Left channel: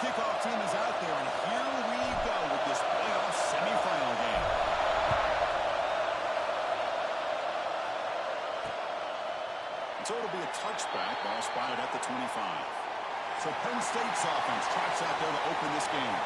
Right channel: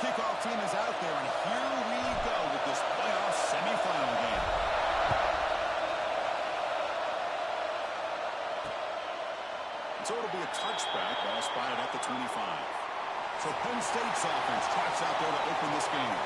kickoff team is out there, and here we go with this playoff semifinal game. So it'll be a touchback. Ball spotted at the 25. So Penn State's offense trots out there to open this game.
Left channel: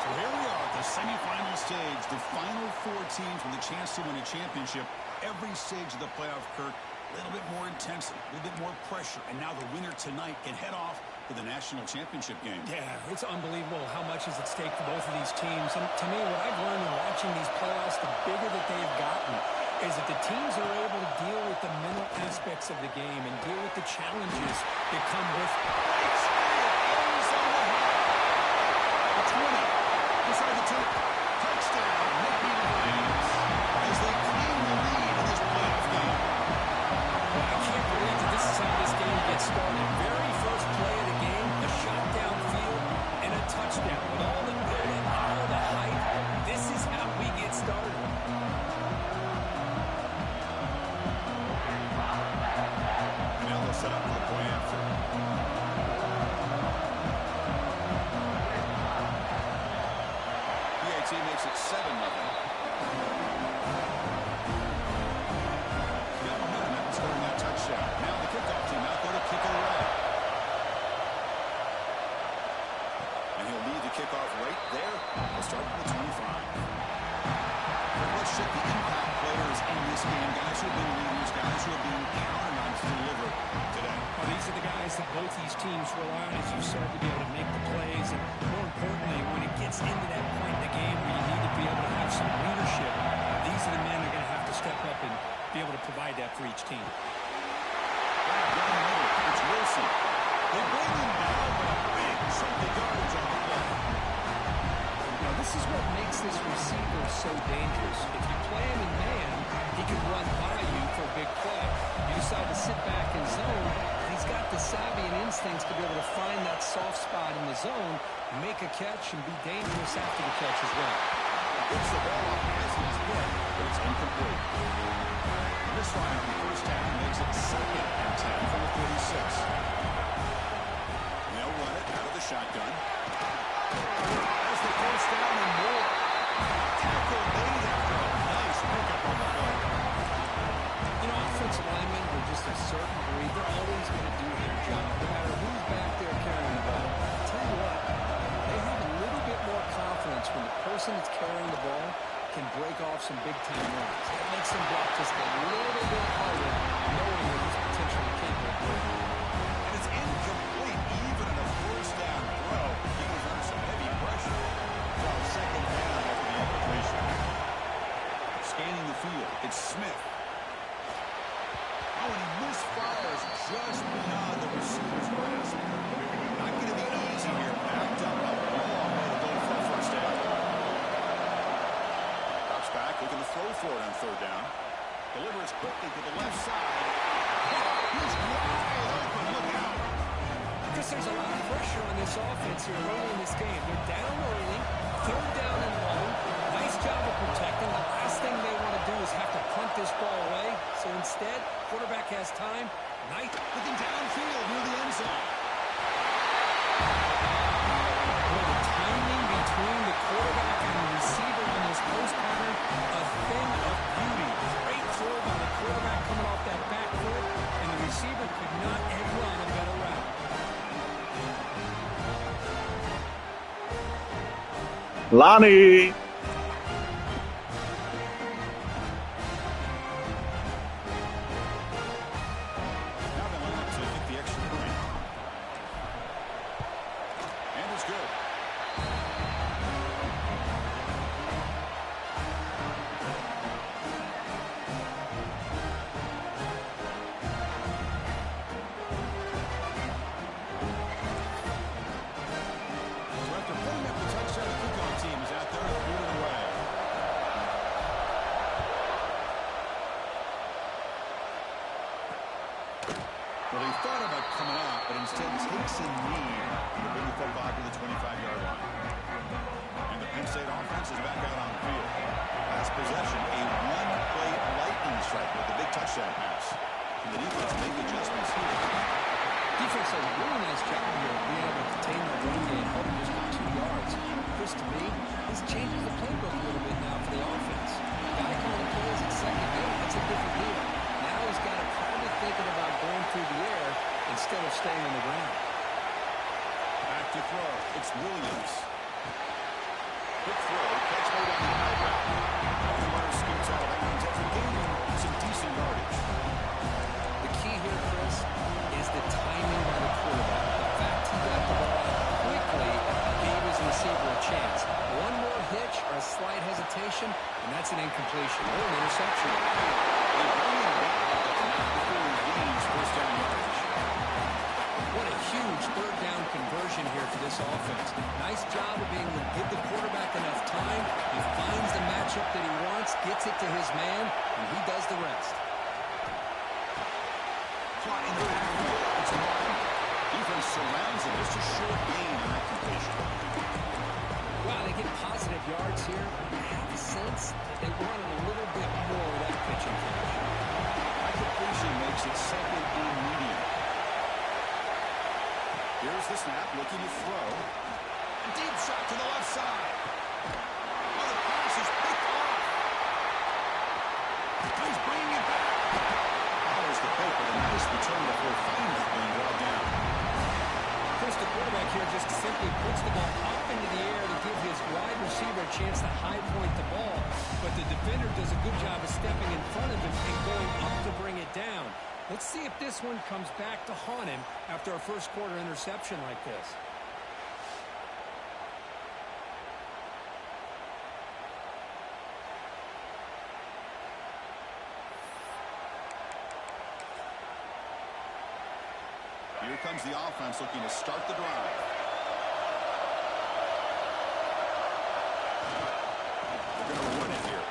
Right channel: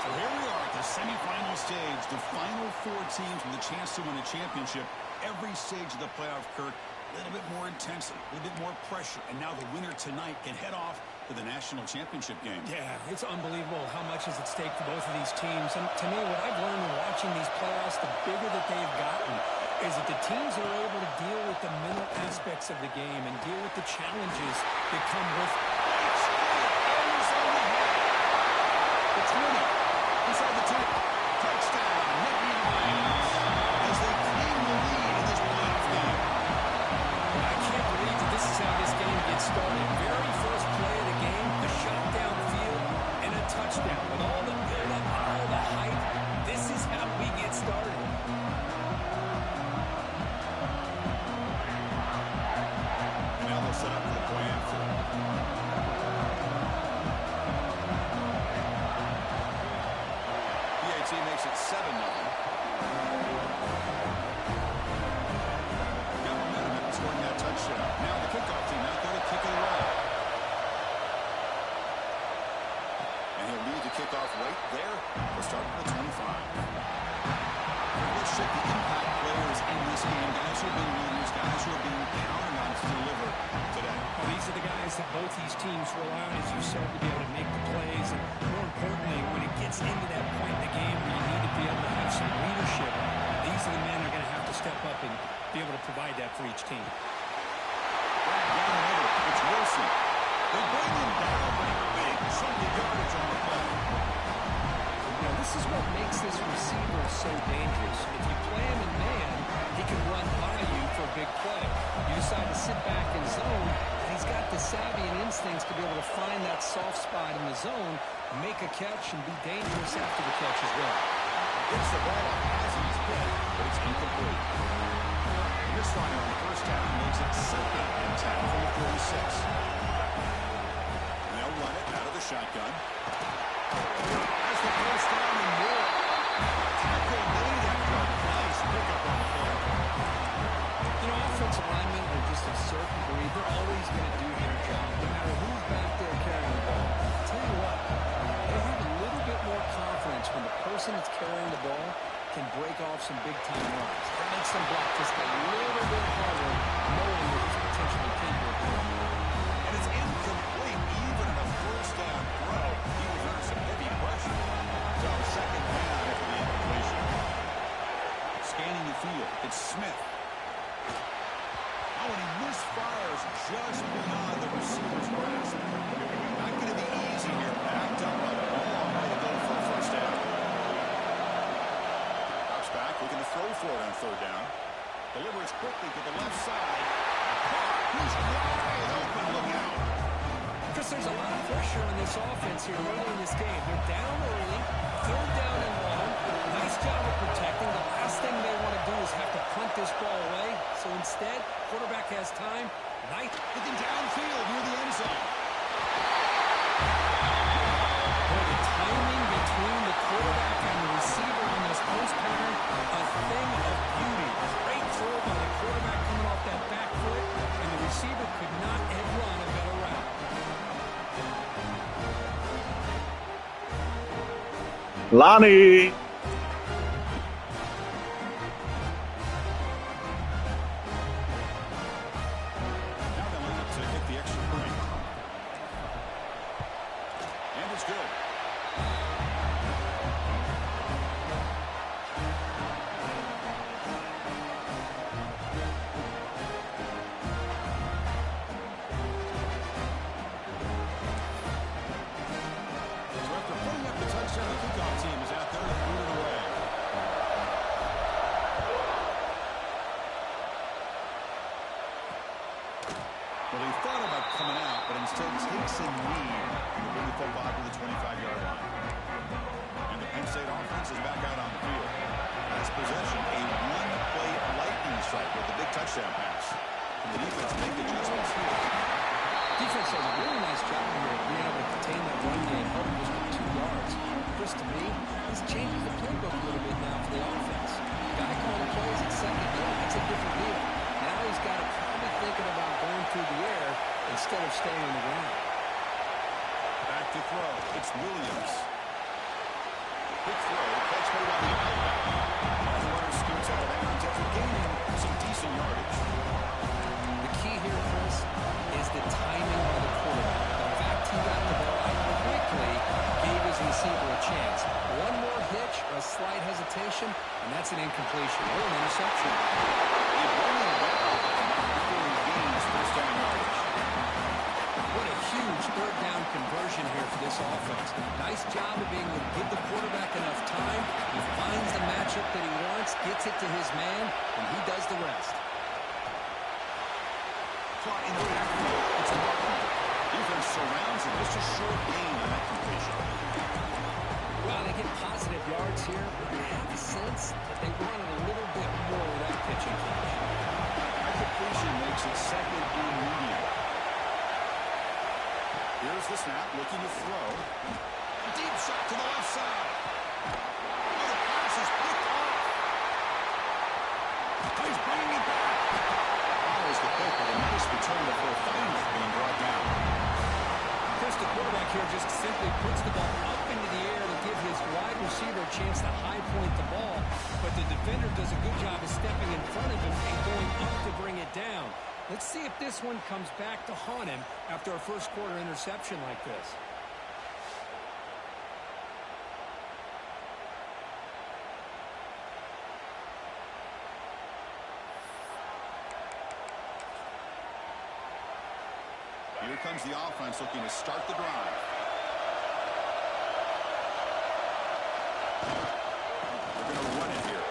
So here we are at the semifinal stage. The final four teams with a chance to win a championship. Every stage of the playoff, Kirk, a little bit more intensity, a little bit more pressure. And now the winner tonight can head off to the national championship game. Yeah, it's unbelievable how much is at stake for both of these teams. And to me, what I've learned in watching these playoffs, the bigger that they've gotten, is that the teams are able to deal with the mental aspects of the game and deal with the challenges that come with Right straight, ends on the head. The 20, inside the 10. Touchdown, Nicky Hines, as they claim the lead in this playoff game. I can't believe that this is how this game gets started. Very first play of the game, a shot downfield and a touchdown. With all the build-up and all the hype, this is how we get started. And now they'll set up for the point after. PAT makes it 7-0. Scoring that touchdown. Now the kickoff team out there to kick it away. And he'll lead the kickoff right there. We'll start with the 25. Let's check the impact players in this game. Guys who have been leaders, guys who are being counted on to deliver today. Well, these are the guys that both these teams rely on as you start to be able to make the plays. And more importantly, when it gets into that point in the game where you need to be able to have some leadership, these are the men that are going to have to step up and be able to provide that for each team. Down the middle, it's Wilson. They bring him down, but a big chunk of yardage on the play. Now, this is what makes this receiver so dangerous. If you play him in man, he can run by you for a big play. You decide to sit back in zone, and he's got the savvy and instincts to be able to find that soft spot in the zone, make a catch, and be dangerous after the catch as well. Gets the ball up as he's hit, but it's incomplete. Misfire on the first down makes it 2nd and 10 from the 46. And they'll run it out of the shotgun. That's the first down and more. Tackle made after a nice pickup on the play. You know, offensive linemen are just a certain breed. They're always going to do their job, no matter who's back there carrying the ball. I'll tell you what, they have a little bit more confidence when the person that's carrying the ball can break off some big-time runs. It makes them block just a little bit harder, knowing that he's potentially capable of doing it. And it's incomplete, even on a first down throw. He was under some heavy pressure. So 2nd down after the incompletion. Scanning the field, it's Smith. Oh, and he misfires just beyond the receiver's grasp. Not going to be easy here. Backed up a long way to go for a first down. Back, looking to throw for it on 3rd down. Delivers quickly to the left side. He's wide open. Look out. Because there's a lot of pressure on this offense here early in this game. They're down early, 3rd down and long. Nice job of protecting. The last thing they want to do is have to punt this ball away. So instead, quarterback has time. Knight looking downfield near the end zone. Boy, the timing between the quarterback and the receiver on this post pattern, a thing of beauty. Great throw by the quarterback coming off that back foot, and the receiver could not have run a better route. Lonnie. Now they line up to kick the extra point. And it's good. So after putting up the touchdown, the kickoff team is out there to boot it away. Well, he thought about coming out, but instead takes a knee to bring the football to the 25-yard line. And the Penn State offense is back out on the field. Last possession, a one-play lightning strike with the big touchdown pass. Can the defense make adjustments here? Defense does a really nice job here of being able to contain that run game, holding just for 2 yards. Chris, to me, this changes the playbook a little bit now for the offense. The guy calling the plays at second game, that's a different deal. Now he's got to probably thinking about going through the air instead of staying on the ground. Back to throw. It's Williams. Quick throw. Catch made on the outback. And the runner scoots out of bounds after gaining some decent yardage. The key here, Chris, is the timing by the quarterback. The fact he got the ball out quickly gave his receiver a chance. One more hitch or a slight hesitation, and that's an incompletion or an interception. They run him down, but not before he gains first down yardage. What a huge third down conversion here for this offense. Nice job of being able to give the quarterback enough time. He finds the matchup that he wants, gets it to his man, and he does the rest. Caught in the backfield. It's Martin. Defense surrounds him. Just a short gain on that completion. Well, they get positive yards here, but you have a sense that they wanted a little bit more with that pitching catch. That completion makes it second and medium. Here's the snap, looking to throw. A deep shot to the left side. Oh, the pass is picked off. Oh, he's bringing it back. Follows the pick with a nice return before finally being brought down. Chris, the quarterback here just simply puts the ball up into the air to give his wide receiver a chance to high point the ball, but the defender does a good job of stepping in front of him and going up to bring it down. Let's see if this one comes back to haunt him after a first quarter interception like this. Here comes the offense looking to start the drive. They're going to run it here.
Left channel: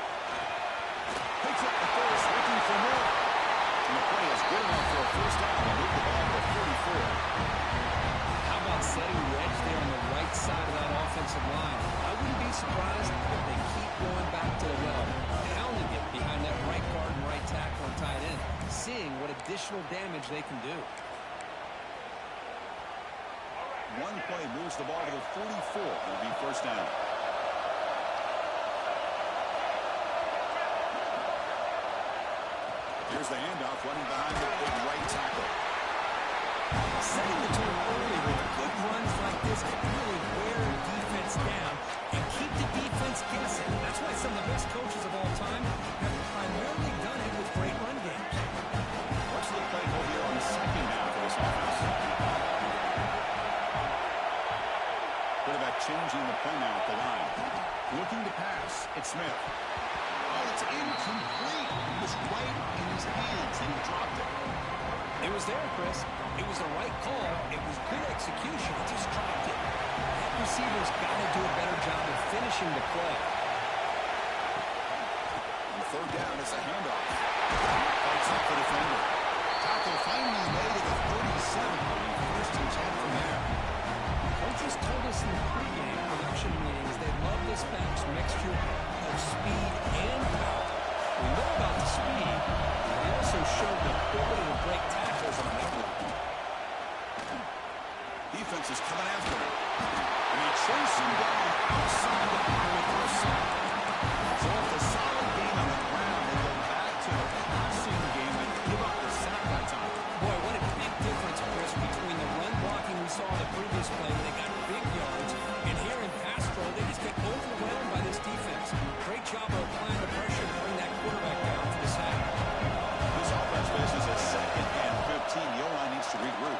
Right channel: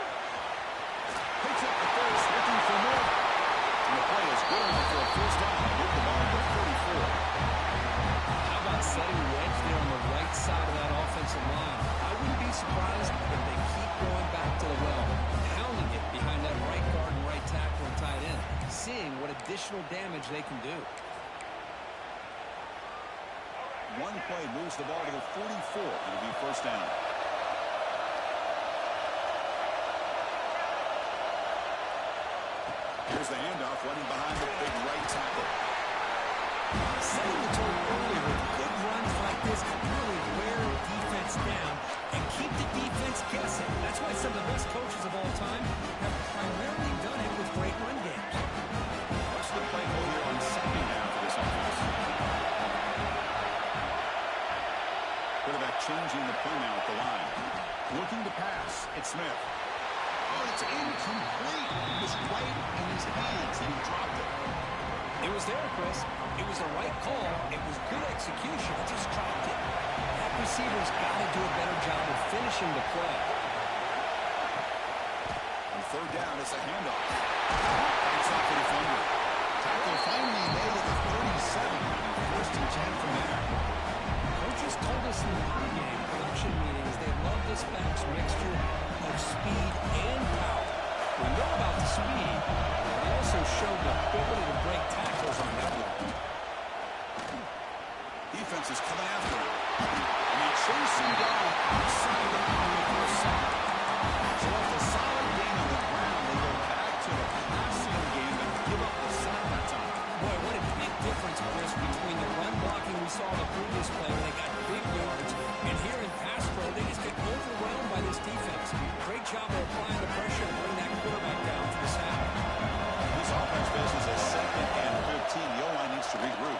Picks up the first, looking for more. And the play is good enough for a first down. They move the ball to 44. How about setting the edge there on the right side of that offensive line? I wouldn't be surprised if they keep going back to the well, pounding it behind that right guard and right tackle and tight end, seeing what additional damage they can do. One play moves the ball to the 44. It'll be first down. Here's the handoff, running behind the big right tackle. Setting the tone early with good runs like this can really wear defense down and keep the defense guessing. That's why some of the best coaches of all time have primarily done it with great run games. What's the play call here on second down for this offense? Quarterback changing the play now at the line. Looking to pass. It's Smith. Oh, it's incomplete. It was right in his hands, and he dropped it. It was there, Chris. It was the right call. It was good execution. He just dropped it. That receiver's got to do a better job of finishing the play. On third down, it's a handoff. Fights off the defender. Tackle finally made at the 37. And first and 10 from there. Coaches told us in the pregame production meetings they love this back's mixture of speed and power. We know about the speed, but they also showed the ability to break tackles on that one. Defense is coming after him. And they chase him down outside the pocket for a sack. So off a solid gain on the ground, they go back to the passing game and give up the sack that time. Boy, what a big difference, Chris, between the run blocking we saw in the previous play when they got big yards, and here in pass pro, they just get overwhelmed by this defense. Great job of applying the pressure to bring that quarterback down to the sack. This offense faces a second and 15. The O-line needs to regroup.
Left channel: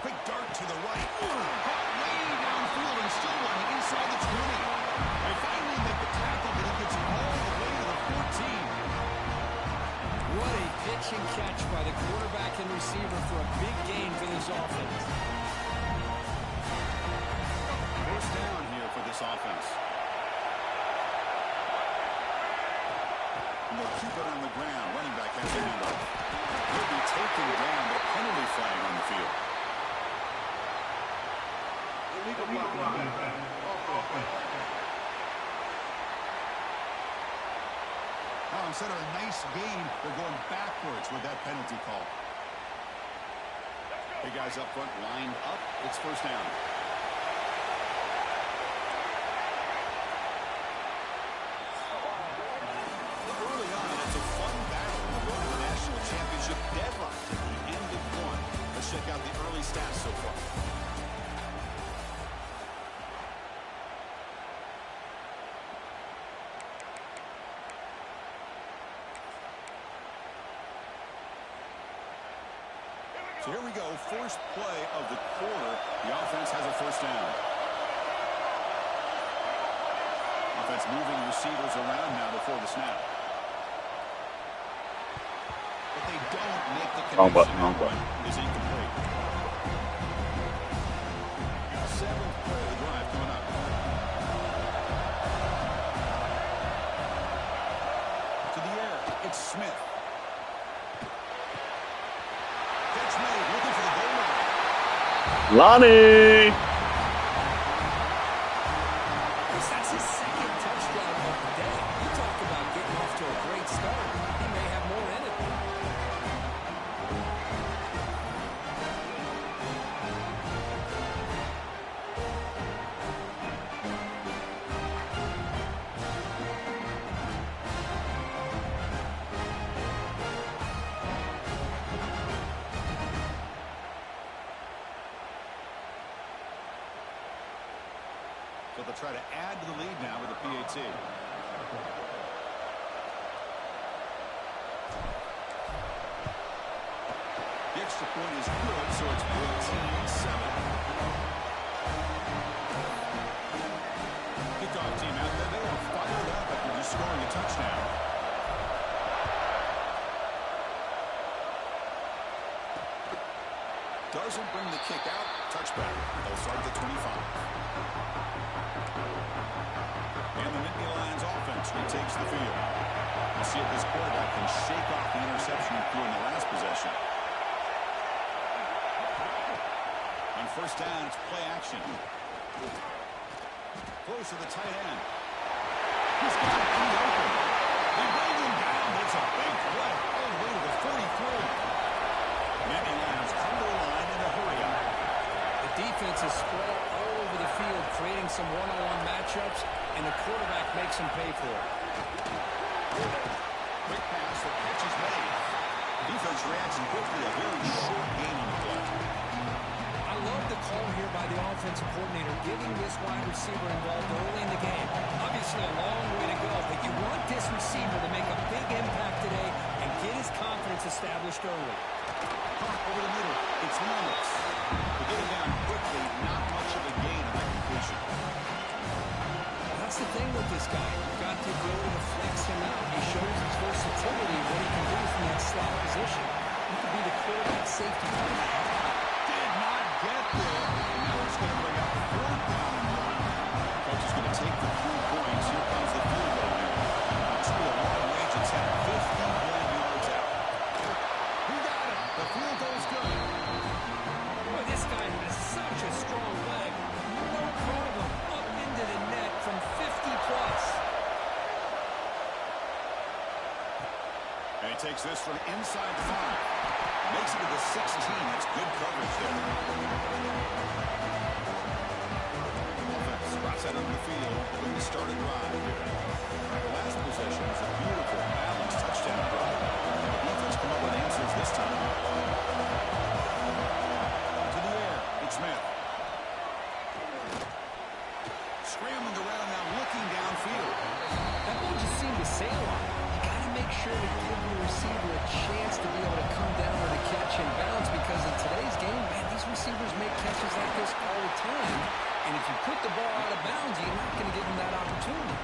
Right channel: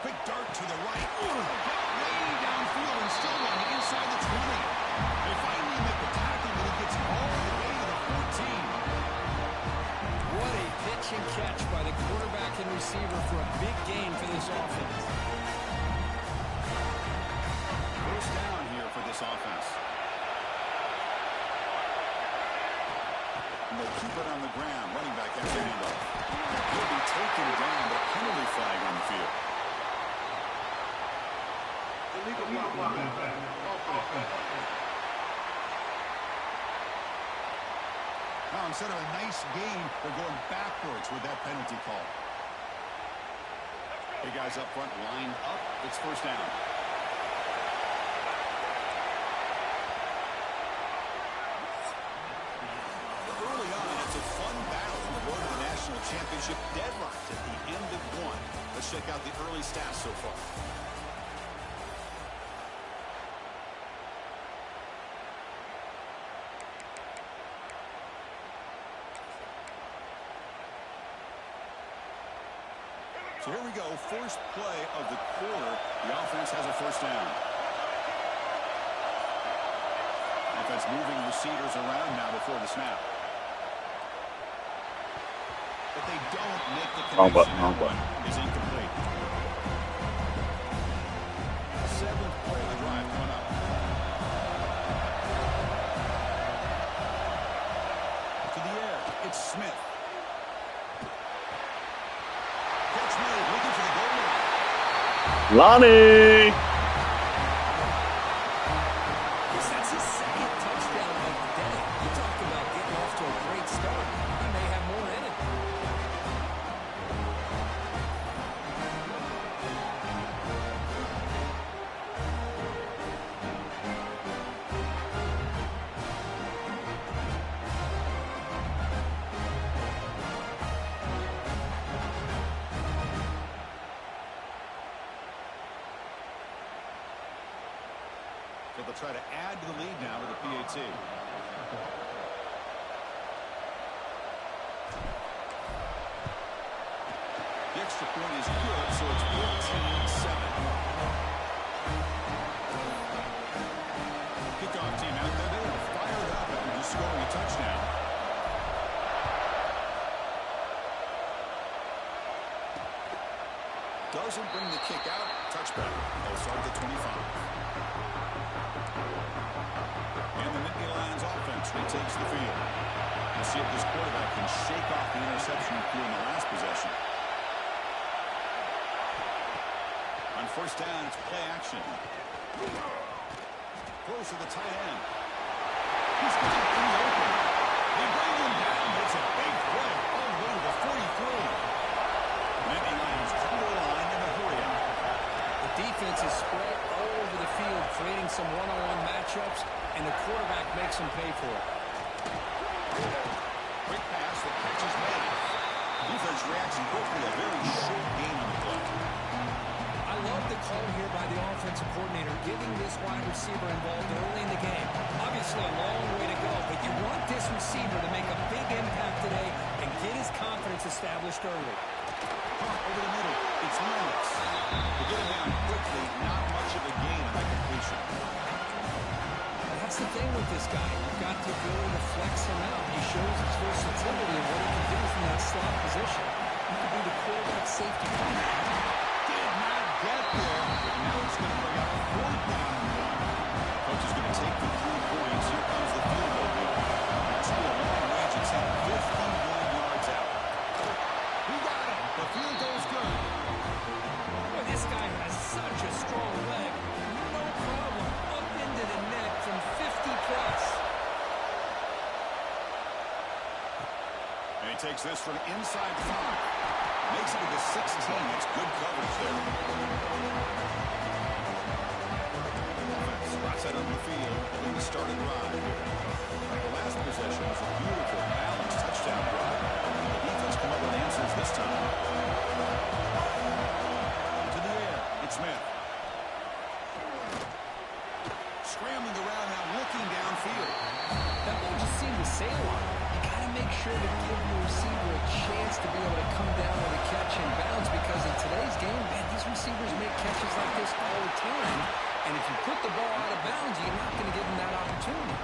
Quick dart to the right. Caught way downfield and still running inside the 20. They finally make the tackle, but he gets all the way to the 14. What a pitch and catch by the quarterback and receiver for a big gain for this offense. First down here for this offense. And they'll keep it on the ground. Running back has the handoff. He'll be taken down, but a penalty flag on the field. Illegal blocking. On instead of a nice gain, they're going backwards with that penalty call. Hey, guys up front lined up. It's first down. Early on, it's a fun battle on the road to the national championship. Deadlocked at the end of one. Let's check out the early stats so far. So here we go, first play of the quarter. The offense has a first down. Offense moving receivers around now before the snap. But they don't make the connection. That one is incomplete. Seventh play of the drive coming up. To the air, it's Smith. Catch made, looking for the goal line. Lonnie! That's his second touchdown of the day. You talk about getting off to a great start. He may have more in it. So they'll try to add to the lead now with the PAT. The extra point is good, so it's 14-7. Kickoff team out there. They are fired up after just scoring a touchdown. Doesn't bring the kick out. Touchback. They'll start at the 25. And the Nittany Lions offense retakes the field. We'll see if this quarterback can shake off the interception he threw in the last possession. On first down, it's play action. Close to the tight end. He's got it pretty open. They bring him down, but it's a big play all the way to the 43. Nittany Lions come to the line in a hurry up. The defense is spread all over the field, creating some one-on-one matchups, and the quarterback makes them pay for it. Quick pass, the catch is made. Defense reacts quickly, a very short gain on the play. I love the call here by the offensive coordinator, getting this wide receiver involved early in the game. Obviously a long way to go, but you want this receiver to make a big impact today and get his confidence established early. Pump over the middle. It's Lennox. To get him down quickly, not much of a gain on that completion. That's the thing with this guy. You've got the ability to flex him out. He shows his versatility and what he can do from that slot position. He could be the quarterback safety blanket. Did not get there. And now it's going to bring out fourth down and one. Coach is going to take the 3 points. Here comes the field goal unit. Must be a long range attempt. 51 yards out. He got it. The field goal's good. Boy, this guy has such a strong leg. No problem. Up into the net from 50+. And he takes this from inside 5. Makes it to the 16. That's good coverage there. Offense drops that on the field. Looking to start a drive here. The last possession was a beautiful, balanced touchdown drive. The defense come up with answers this time. To the air. It's Smith. Scrambling around now, looking downfield. That ball just seemed to sail on him. You got to make sure to give your receiver a chance to be able to come down with a catch and bounce, because in today's game, man, these receivers make catches like this all the time. And if you put the ball out of bounds, you're not going to give them that opportunity.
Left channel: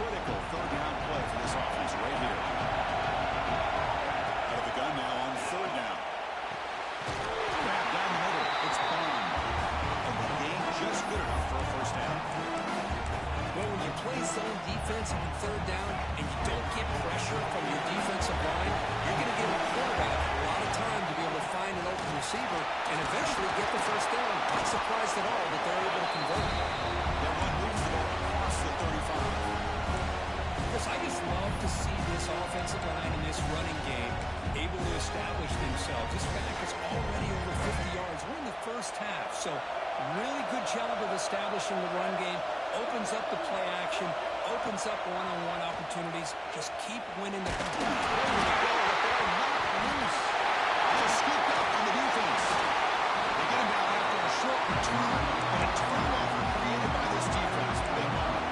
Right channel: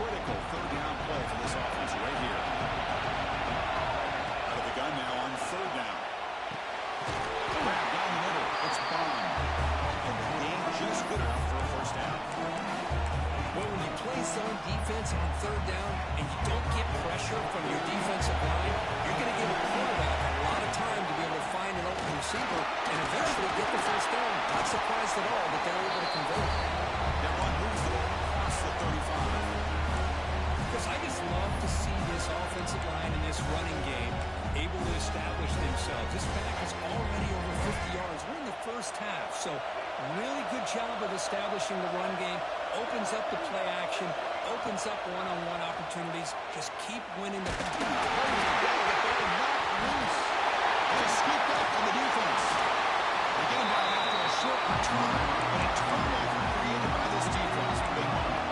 Critical third down play for this offense right here. Out of the gun now on third down. Grab down the middle. It's Bond. And the game just good enough for a first down. Well, when you play zone defense on third down and you don't get pressure from your defensive line, you're going to give a quarterback a lot of time to be able to find an open receiver and eventually get the first down. Not surprised at all that they're able to convert. That run moves the ball across the 35. Because I just love to see this offensive line and this running game able to establish themselves. This back is already over 50 yards. We're in the first half, so really good job of establishing the run game. Opens up the play action, opens up one-on-one opportunities. Just keep winning the ball. There you go, the ball knocked loose. Just scooped up on the defense. They get him down after a short return, but a turnover created by this defense. Big moment.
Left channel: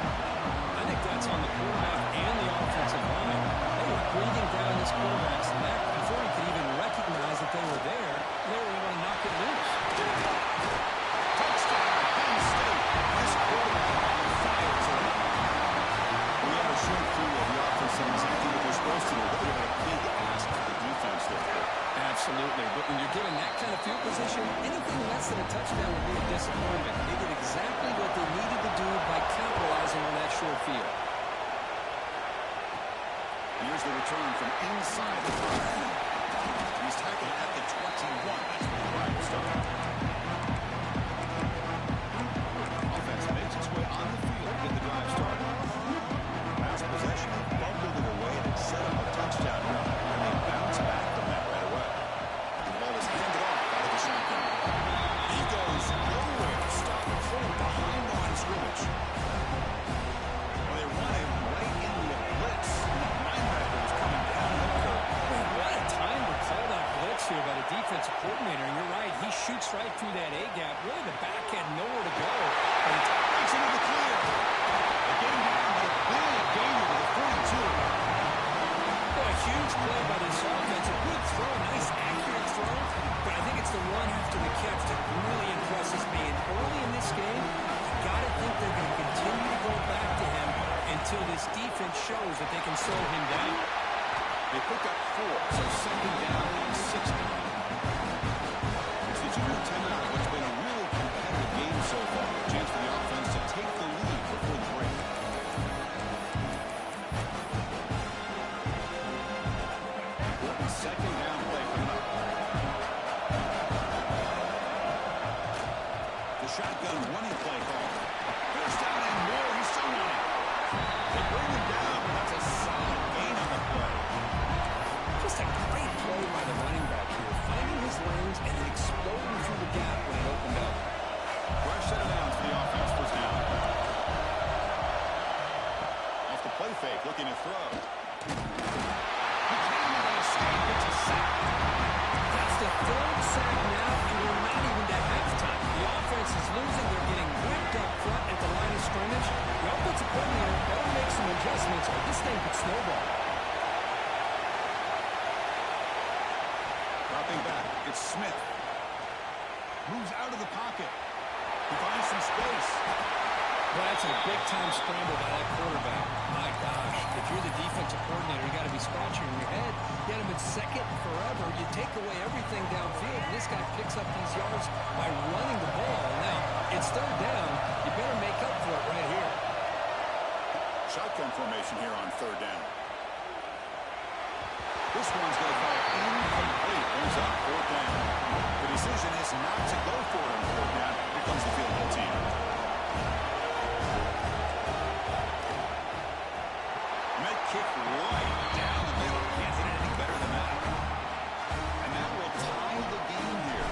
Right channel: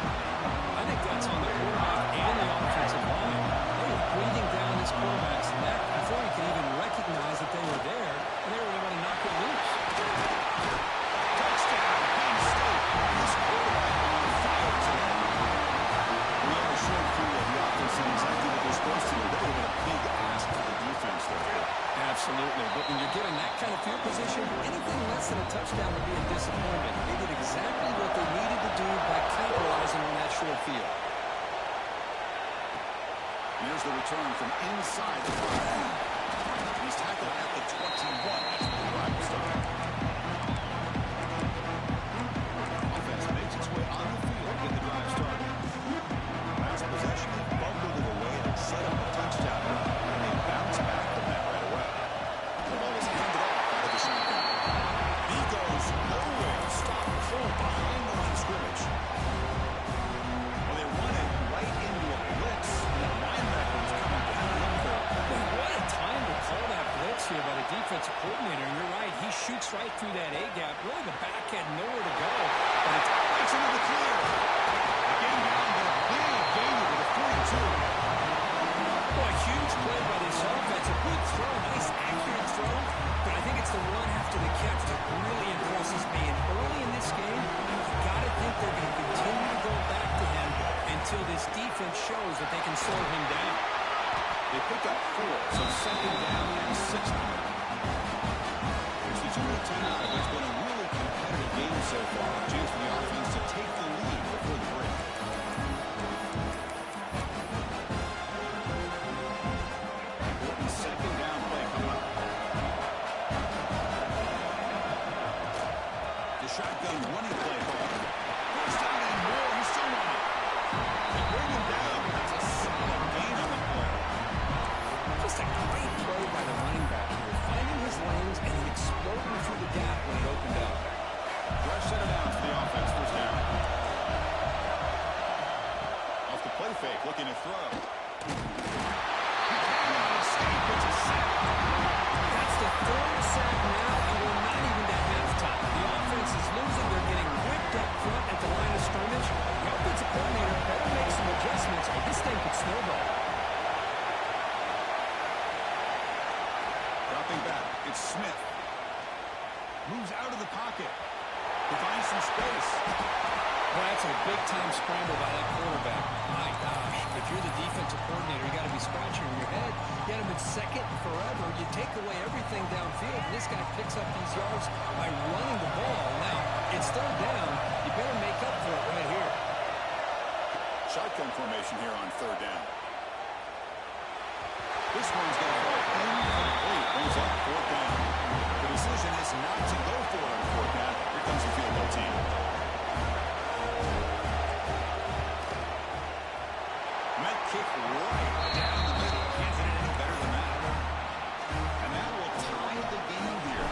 I think that's on the quarterback and the offensive line. They were breathing down this quarterback's neck before he could even recognize that they were there, and they were able to knock it loose. Touchdown, Penn State. This quarterback on fire today. We have a short crew of the offense and exactly what they're supposed to do. They have a big ask for the defense there. Absolutely, but when you're given that kind of field position, anything less than a touchdown would be a disappointment. They did exactly what they needed to do by capitalizing on that short field. Here's the return from inside the 5. He's tackled at the 21. That's where the drive will start. Offense makes its way on the field to get the drive started. Last possession, they bumbled it away and set up a touchdown drive. And they bounce back from that right away. The ball is handed off out of the shotgun. He goes nowhere. Stop full behind the line of scrimmage. Well, they run it right into a blitz. That linebacker was coming downhill curve. What a time to call that blitz here by the defensive coordinator. And you're right, he shoots right through that A-gap. Really, the back had nowhere to go. But it breaks into the clear. They get him down, but a big gain over the 42. Boy, a huge play by this offense. A good throw, nice accurate throw. But I think it's the run after the catch that really impresses me. And early in this game, you got to think they're going to continue to go back to him until this defense shows that they can slow him down. They pick up 4, so second down and 60. It's the 2-minute timeout of what's been a really competitive game so far. A chance for the offense to take the lead before the break. Important second down play coming up. The shotgun running play call. First down and more. He's still running. They bring him down, but that's a solid gain on the play. Just a great play by the running back here, finding his lanes and then exploding through the gap when it opened up. Fresh set of downs for the offense. First down. Off the play fake, looking to throw. He can't even escape. It's a sack. That's the 3rd sack now, and we're not even at halftime. The offense is losing. They're getting whipped up front at the line of scrimmage. The offensive coordinator better make some adjustments or this thing could snowball. Dropping back, it's Smith. Moves out of the pocket. He finds some space. Well, that's a big-time scramble by that quarterback. My gosh, if you're the defensive coordinator, you got to be scratching your head. You had him at second forever. You take away everything downfield, and this guy picks up these yards by running the ball. Now, it's 3rd down. You better make up for it right here. Shotgun formation here on 3rd down. This one's going to fall incomplete. Brings up 4th down. The decision is not to go for it on 4th down. Here comes the field goal team. Met kick right down the middle. Can't hit it any better than that. And that will tie the game here.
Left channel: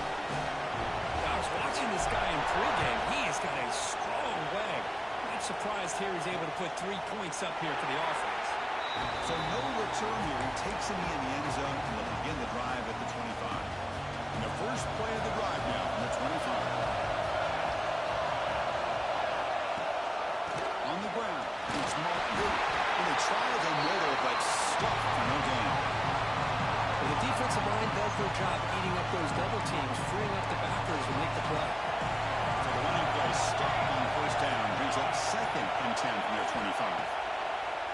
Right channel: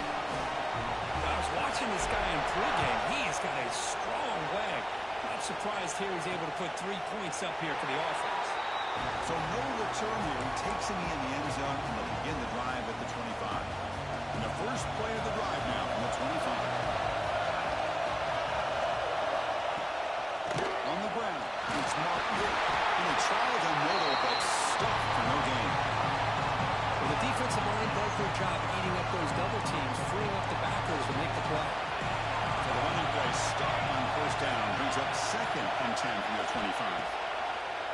I was watching this guy in pregame. He has got a strong leg. Not surprised here he's able to put 3 points up here for the offense. So no return here. He takes a knee in the end zone, and they'll begin the drive at the 25. And the first play of the drive now from the 25. On the ground, it's Martin. And they tried the middle, but stuck for no gain. Well, the defensive line does their job eating up those double teams, freeing up the backers to make the play. So the running play stuck on 1st down, brings up 2nd and 10 from their 25.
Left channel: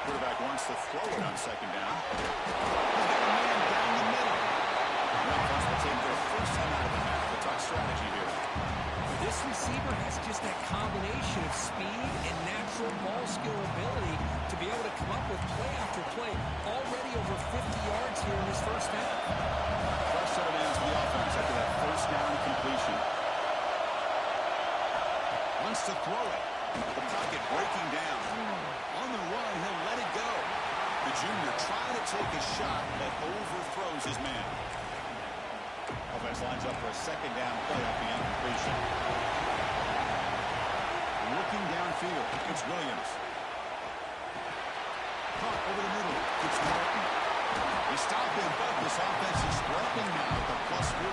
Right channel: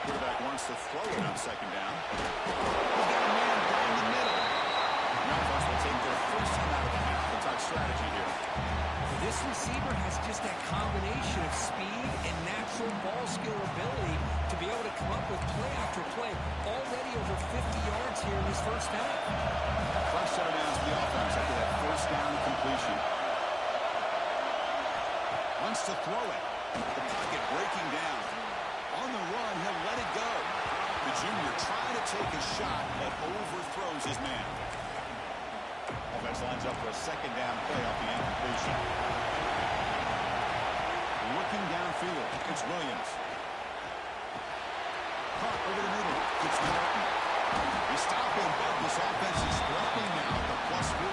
Quarterback wants to throw it on 2nd down. He's got a man down the middle. The offense will take their first time out of the half. The talk strategy here. This receiver has just that combination of speed and natural ball skill ability to be able to come up with play after play. Already over 50 yards here in this first half. Fresh set of downs for the offense after that 1st down completion. Wants to throw it. The pocket breaking down. On the run, he'll let it go. The junior trying to take a shot, but overthrows his man. Offense lines up for a second down play off the incompletion. Looking downfield, it's Williams. Caught over the middle, it's Martin. They stop him, but this offense is threatening now at the plus 43.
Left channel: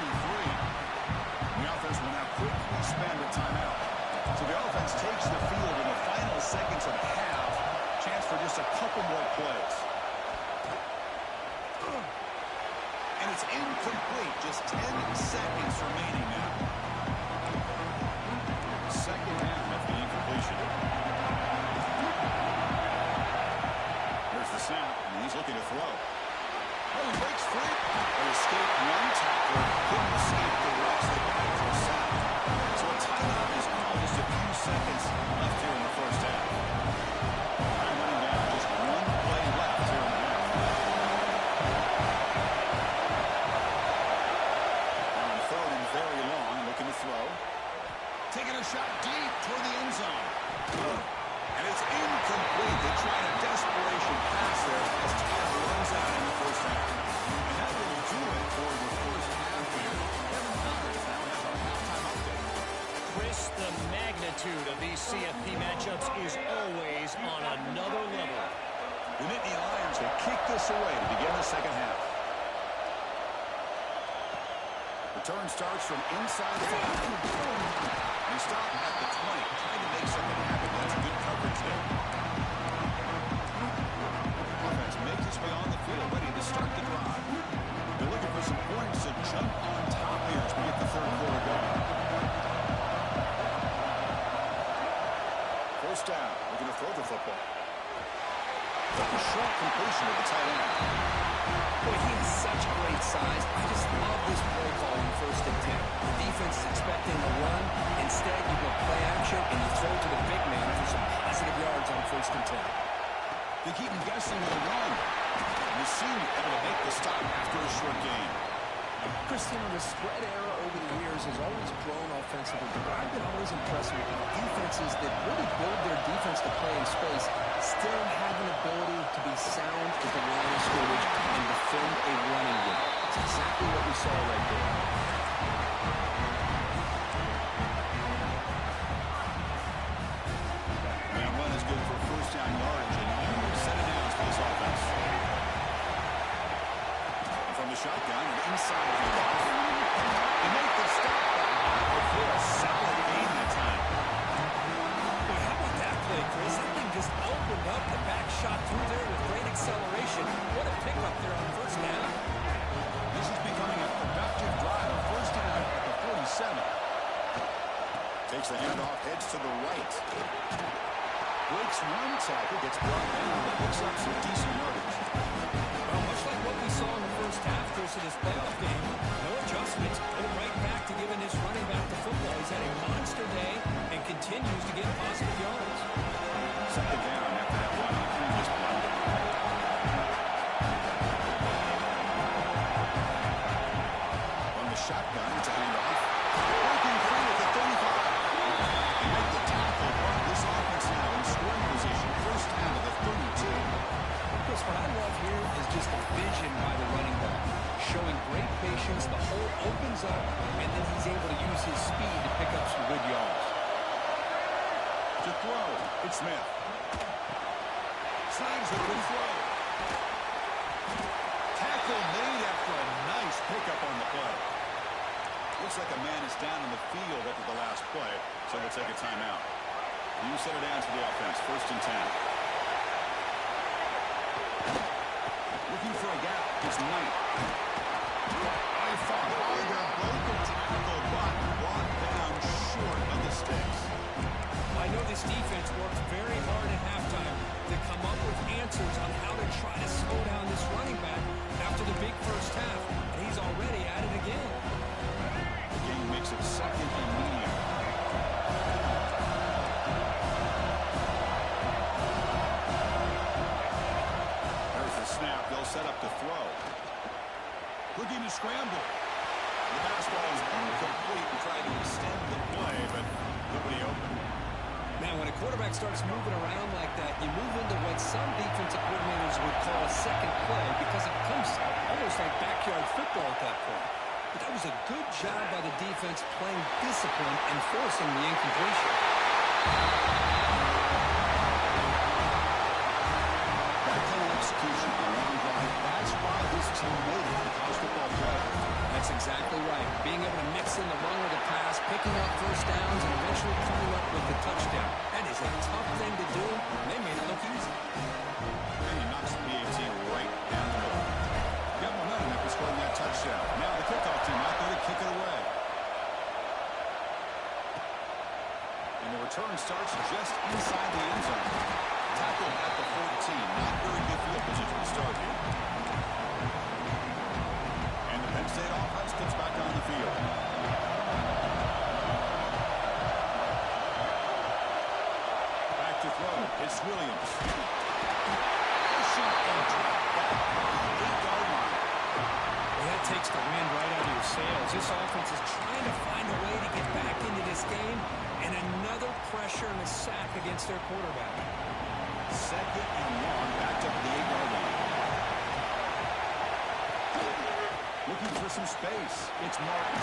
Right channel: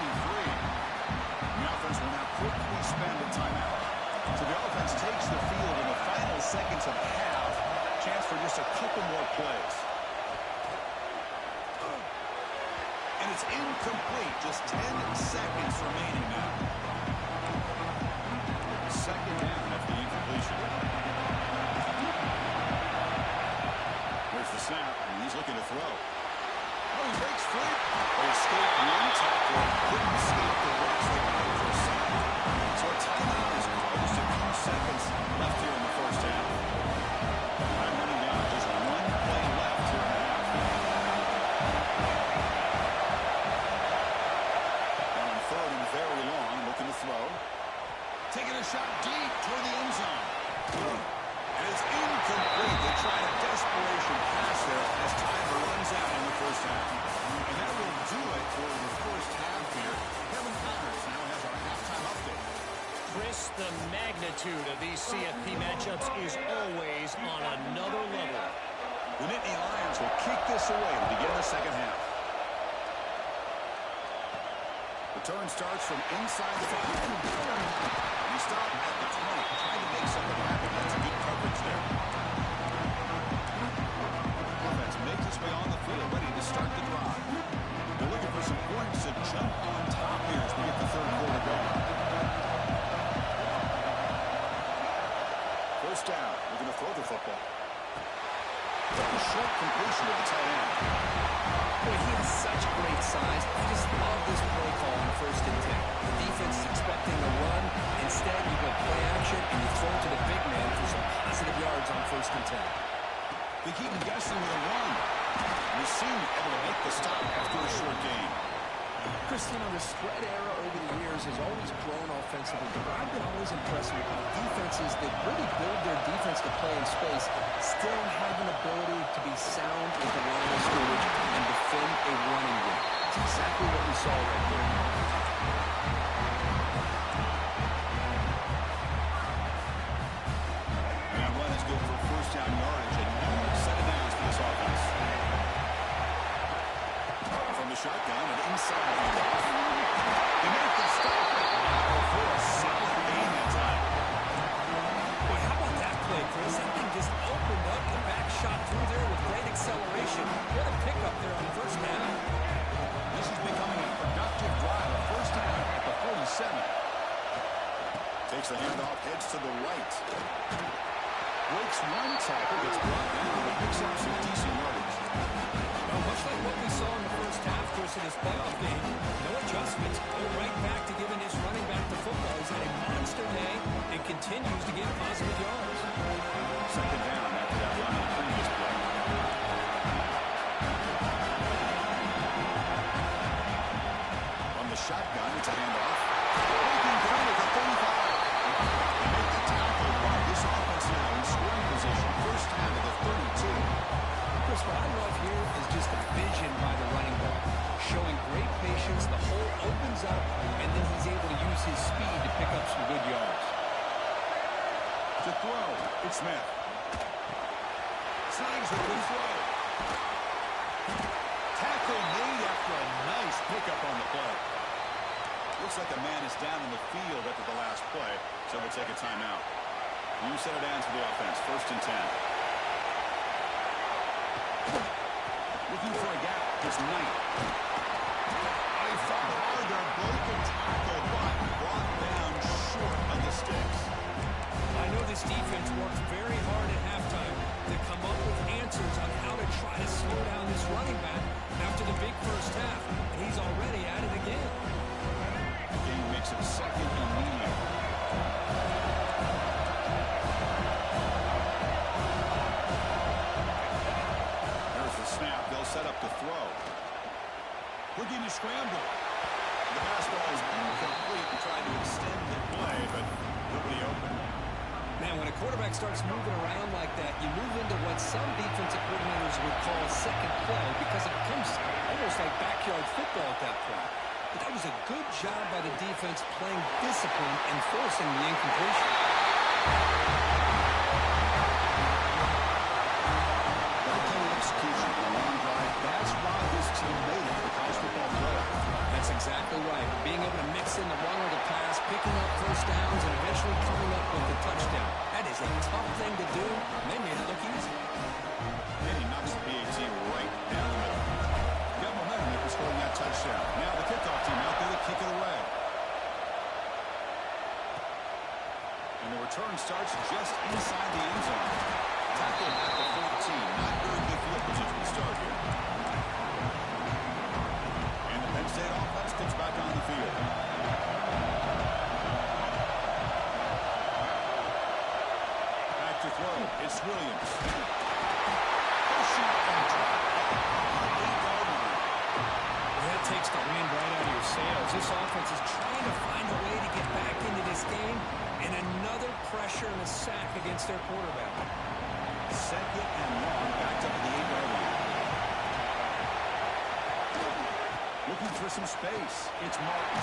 The offense will now quickly spend a timeout. So the offense takes the field in the final seconds of the half. Chance for just a couple more plays. And it's incomplete. Just 10 seconds remaining now. Second down after the incompletion. Here's the snap, and he's looking to throw. Oh, he breaks free. They escaped one tackle, couldn't escape the rest. They got it for a sack. So a timeout is called. Just a few seconds left here in the first half. Time running down. Just one play left here in the half. Now on third and very long, looking to throw. Taking a shot deep toward the end zone. And it's incomplete. They tried a desperation pass there as time runs out in the first half. And that will do it for the first half here. Kevin Connors now has our halftime update. Chris, the magnitude of these CFP matchups is always on another level. The Nittany Lions will kick this away to begin the second half. Return starts from inside the 5. He stopped at the 20, trying to make something happen. That's good coverage there. Offense makes its way on the field, ready to start the drive. They're looking for some points to jump on top here as we get the third quarter going. First down, looking to throw the football. A short completion to the tight end. Boy, he has such great size. I just love this play call on 1st and 10. The defense is expecting a run. Instead, you go play action, and you throw to the big man for some positive yards on 1st and 10. They keep him guessing with a run. And the senior able to make the stop after a short gain. Christian, the spread era over the years has always grown offensively, but I've been always impressed with defenses that really build their defense to play in space, still have an ability to be sound at the line of scrimmage and defend a running game. It's exactly what we saw right there. And that run is good for first down yardage, a new set of downs for this offense. From the shotgun and inside handoff. They make the stop, but not before a solid gain that time. Boy, how about that play, Chris? That thing just opened up. The back shot through there with great acceleration. What a pickup there on first down. This is becoming a productive drive. A first down at the 47. Takes the handoff, heads to the right. Breaks one tackle, gets brought down, but picks up some decent yardage. Well, much like what we saw in the first half, Chris, in this playoff game, no adjustments. Go right back to giving this running back the football. He's had a monster day and continues to get positive yards. Second down after that run on the previous play. From the shotgun, it's a handoff. Breaking free at the 35. They make the tackle, but this offense now in scoring position. First down to the 32. Chris, what I love here is just the vision by the running back. Showing great patience, the hole opens up, and then he's able to use his speed to pick up some good yards. To throw, it's Smith. Snags the good throw. Tackle made after a nice pickup on the play. Looks like a man is down in the field after the last play, so they'll take a timeout. New set of downs for the offense, 1st and 10. Looking for a gap, it's Knight. Oh, he fought hard there, broke a tackle, but brought down short of the sticks. I know this defense worked very hard at halftime to come up with answers on how to try to slow down this running back after the big first half, and he's already at it again. The game makes it second and medium. There's the snap. They'll set up to throw. Looking to scramble. The pass ball is incomplete and trying to extend the play, but nobody open. Man, when a quarterback starts moving around like that, you move into what some defensive coordinators would call a second play because it becomes almost like backyard football at that point. But that was a good job by the defense playing discipline and forcing the incompletion. That kind of execution on a long drive, that's why this team made it to the college football playoff. That's exactly right. Being able to mix in the run or the pass, picking up first downs, and eventually coming up with the touchdown. That is a tough thing to do, and they made it look easy. And he knocks the PAT right down the middle. Got momentum after scoring that touchdown. Now the kickoff team out there to kick it away. And the return starts just inside the end zone. Tackled at the 14. Not very good field position to start here. And the Penn State offense gets back on the field. Back to throw. It's Williams. Pushing and drop back on the 8-yard line. Well, that takes the wind right out of your sails. This offense is trying to find a way to get back into this game, and another pressure and a sack against their quarterback. Second and long, backed up at the 8-yard line. Looking for some space. It's Martin.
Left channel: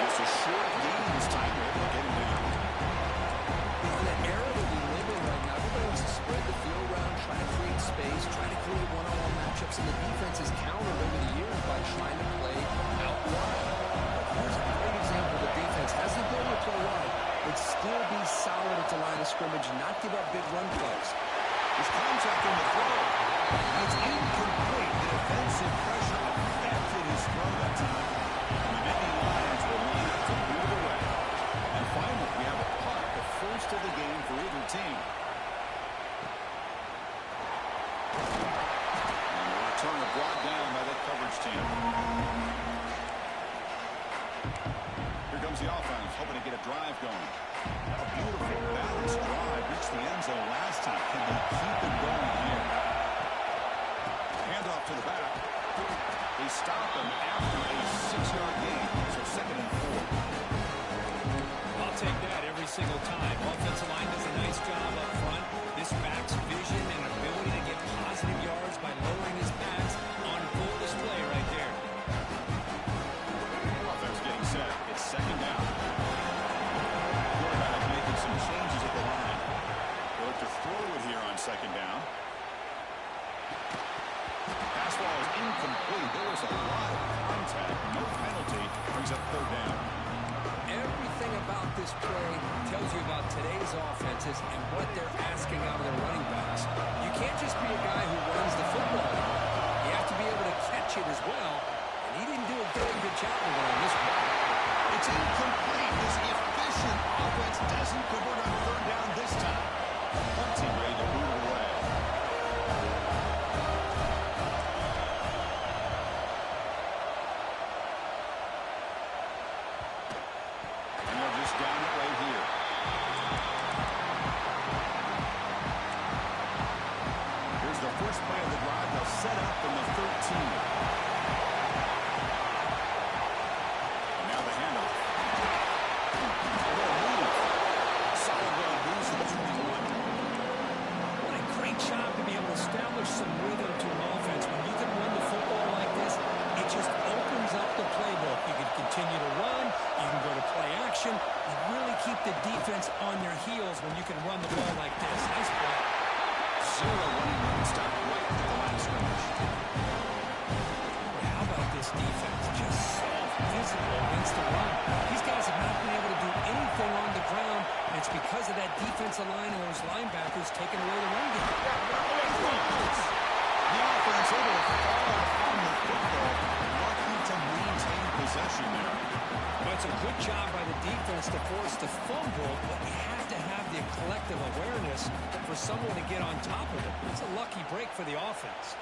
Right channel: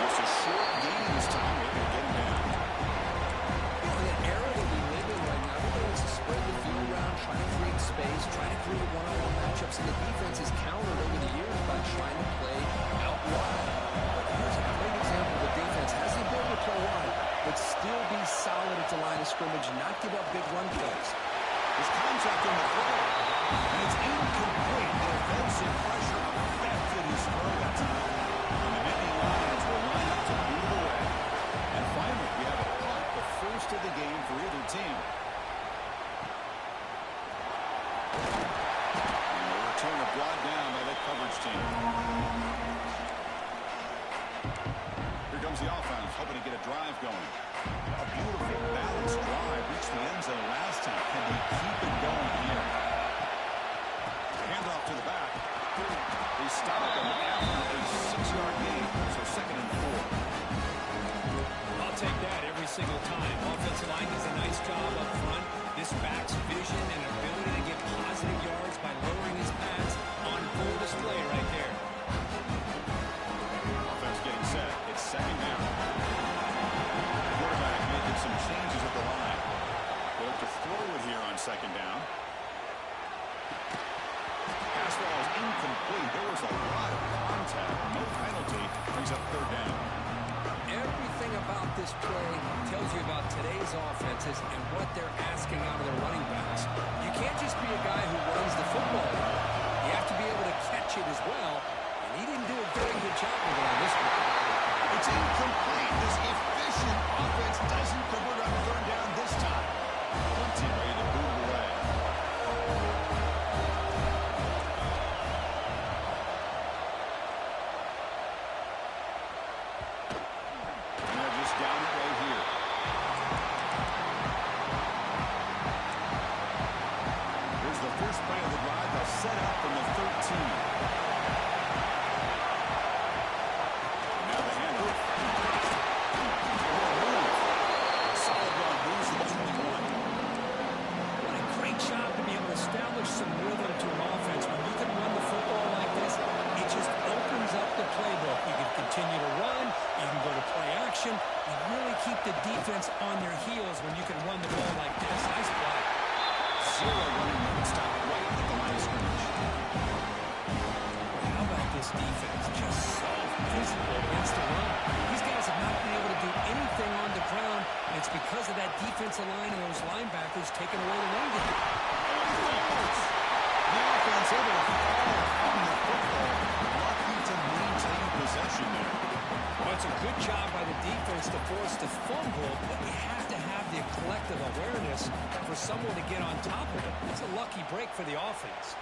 Just a short gain this time. They're able to get him down. You know, in that era that we live in right now, everybody wants to spread the field around, try to create space, try to create one-on-one matchups, and the defense is countered over the years by trying to play out wide. But here's a great example of the defense has the ability to play wide, but still be solid at the line of scrimmage and not give up big run plays. There's contact on the throw. And it's incomplete. The defensive pressure affected his throw that time. And the Nittany Lions will line up to boot it away. And finally, we have a punt, the first of the game for either team. And the returner brought down by the coverage team. Here comes the offense, hoping to get a drive going. A beautiful, balanced drive. Reached the end zone last time. Can they keep it going here? Handoff to the back. They stop him after a 6-yard gain. So 2nd and 4. I'll take that every single time. Offensive line does a nice job up front. This back's vision and ability to get positive yards by lowering his pads on full display right there. Offense getting set. It's 2nd down. Quarterback making some changes at the line. They'll look to throw it here on 2nd down. Pass ball is incomplete. There was a lot of contact. No penalty. Brings up 3rd down. Everything about this play tells you about today's offenses and what they're asking out of their running backs. You can't just be a guy who runs the football. You have to be able to catch it as well, and he didn't do a very good job with it on this one. It's incomplete. This efficient offense doesn't convert on 3rd down this time. Punt team ready to boot it away. And they'll just down it right here. Here's the first play of the drive. They'll set up from the 13. Job to be able to establish some rhythm to an offense. When you can run the football like this, it just opens up the playbook. You can continue to run. You can go to play action. You really keep the defense on their heels when you can run the ball like this. Nice play. 0 running room. Stop right at the line of scrimmage. Boy, how about this defense? Just so physical against the run. These guys have not been able to do anything on the ground, and it's because of that defensive line and those linebackers taking away the run game. The offense able to fall on the football, lucky to maintain possession there. Well, it's a good job by the defense to force the fumble, but you have to have the collective awareness for someone to get on top of it. That's a lucky break for the offense.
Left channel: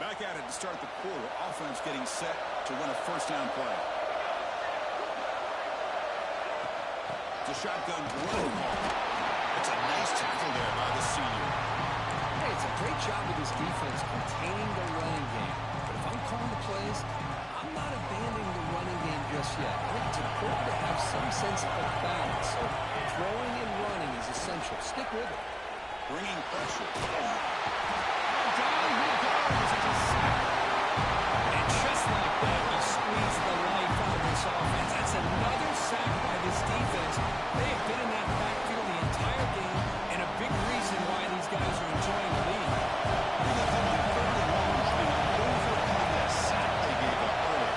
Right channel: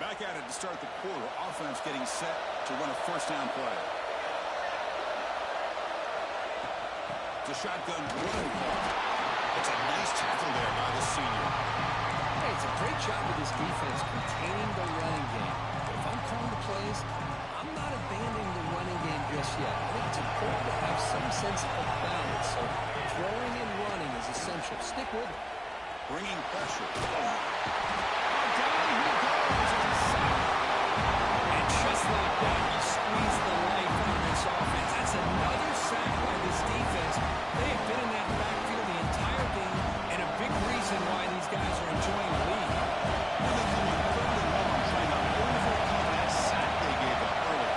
Back at it to start the quarter. Offense getting set to run a 1st down play. The shotgun running ball. It's a nice tackle there by the senior. Hey, it's a great job with his defense containing the running game. But if I'm calling the plays, I'm not abandoning the running game just yet. I think it's important to have some sense of balance. So throwing and running is essential. Stick with it. Bringing pressure. And down he goes. It's a sack. And just like that, you squeeze the life out of this offense. That's another sack by this defense. They have been in that backfield the entire game, and a big reason why these guys are enjoying the lead. Here they come on 3rd and long, trying to overcome that sack they gave up early.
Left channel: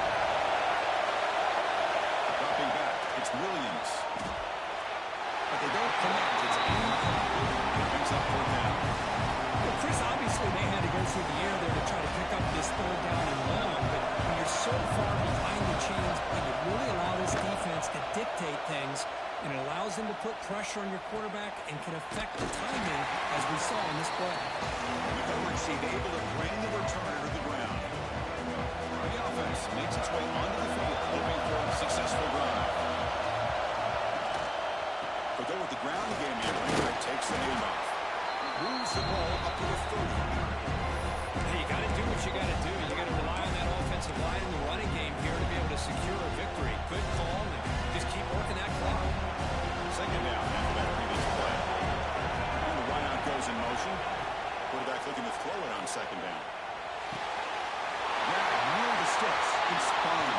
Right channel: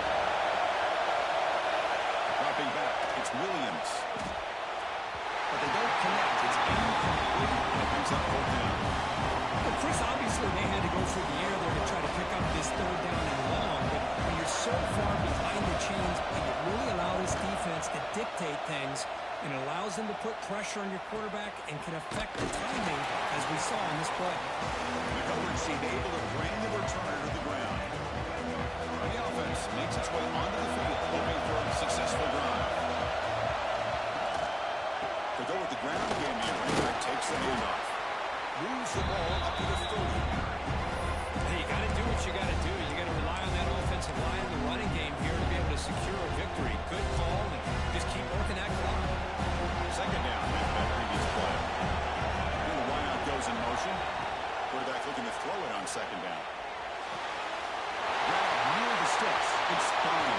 Dropping back, it's Williams. But they don't connect. It's incomplete, and it brings up 4th down. Well, Chris, obviously they had to go through the air there to try to pick up this 3rd down and long, but when you're so far behind the chains, you really allow this defense to dictate things, and it allows them to put pressure on your quarterback and can affect the timing, as we saw in this play. The coverage team able to bring the returner to the ground. The offense makes its way onto the field, hoping for a successful drive. They go with the ground game here. Running back takes the handoff. Moves the ball up to the 30. Hey, you got to do what you got to do. You got to rely on that offensive line and the running game here to be able to secure a victory. Good call, and just keep working that clock. 2nd down after that previous play. And the wideout goes in motion. Quarterback looking to throw it on 2nd down. Grab near the sticks. It's spun.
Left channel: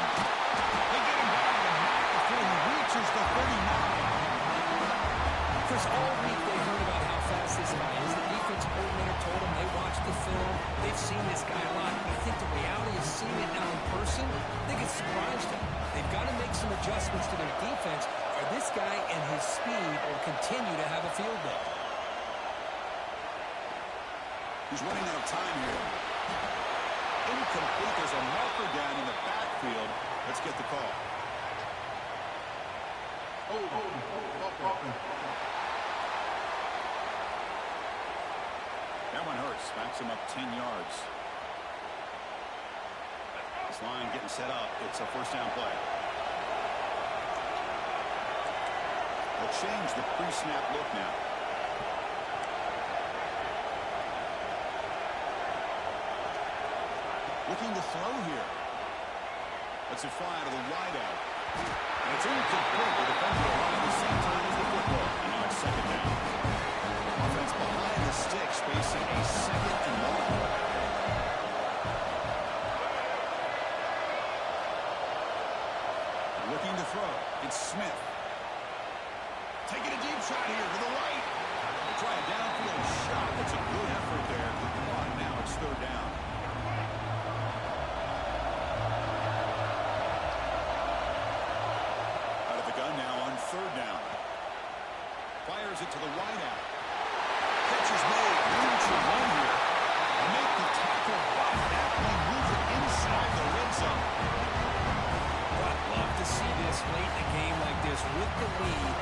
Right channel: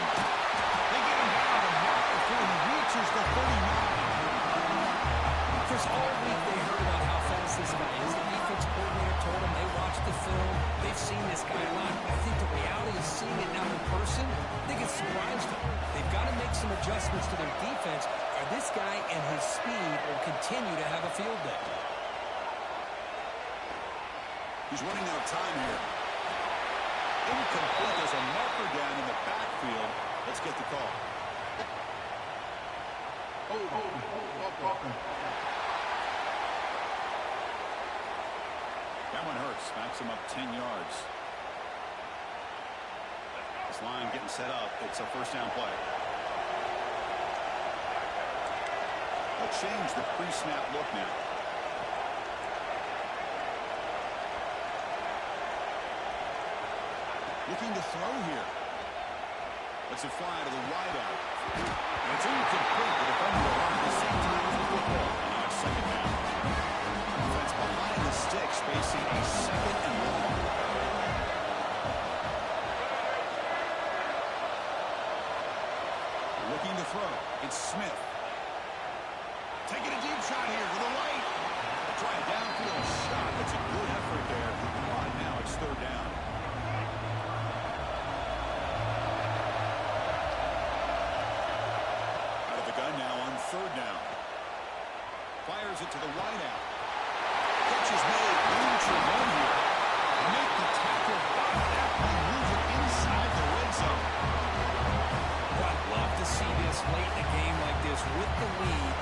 They get him down, but not before he reaches the 39. Chris, all week they heard about how fast this guy is. The defense coordinator told them they watched the film. They've seen this guy a lot. But I think the reality of seeing it now in person, I think it's surprised them. They've got to make some adjustments to their defense, or this guy and his speed will continue to have a field day. He's running out of time here. Incomplete. There's a marker down in the backfield. Let's get the call. That one hurts. Backs him up 10 yards. This line getting set up. It's a 1st down play. They'll change the pre-snap look now. Looking to throw here. Lets it fly to the wideout. And it's incomplete. The defender arrived at the same time as the football. And now it's 2nd down. Offense behind the sticks, facing a 2nd and long. Looking to throw. It's Smith. Taking a deep shot here to the right. They try a downfield shot. That's a good effort there. But now it's 3rd down. Gun now on 3rd down. Fires it to the wideout. Catch is made. Room to run here. Make the tackle, but that one moves it inside the red zone. Well, I'd love to see this late in a game like this with the lead.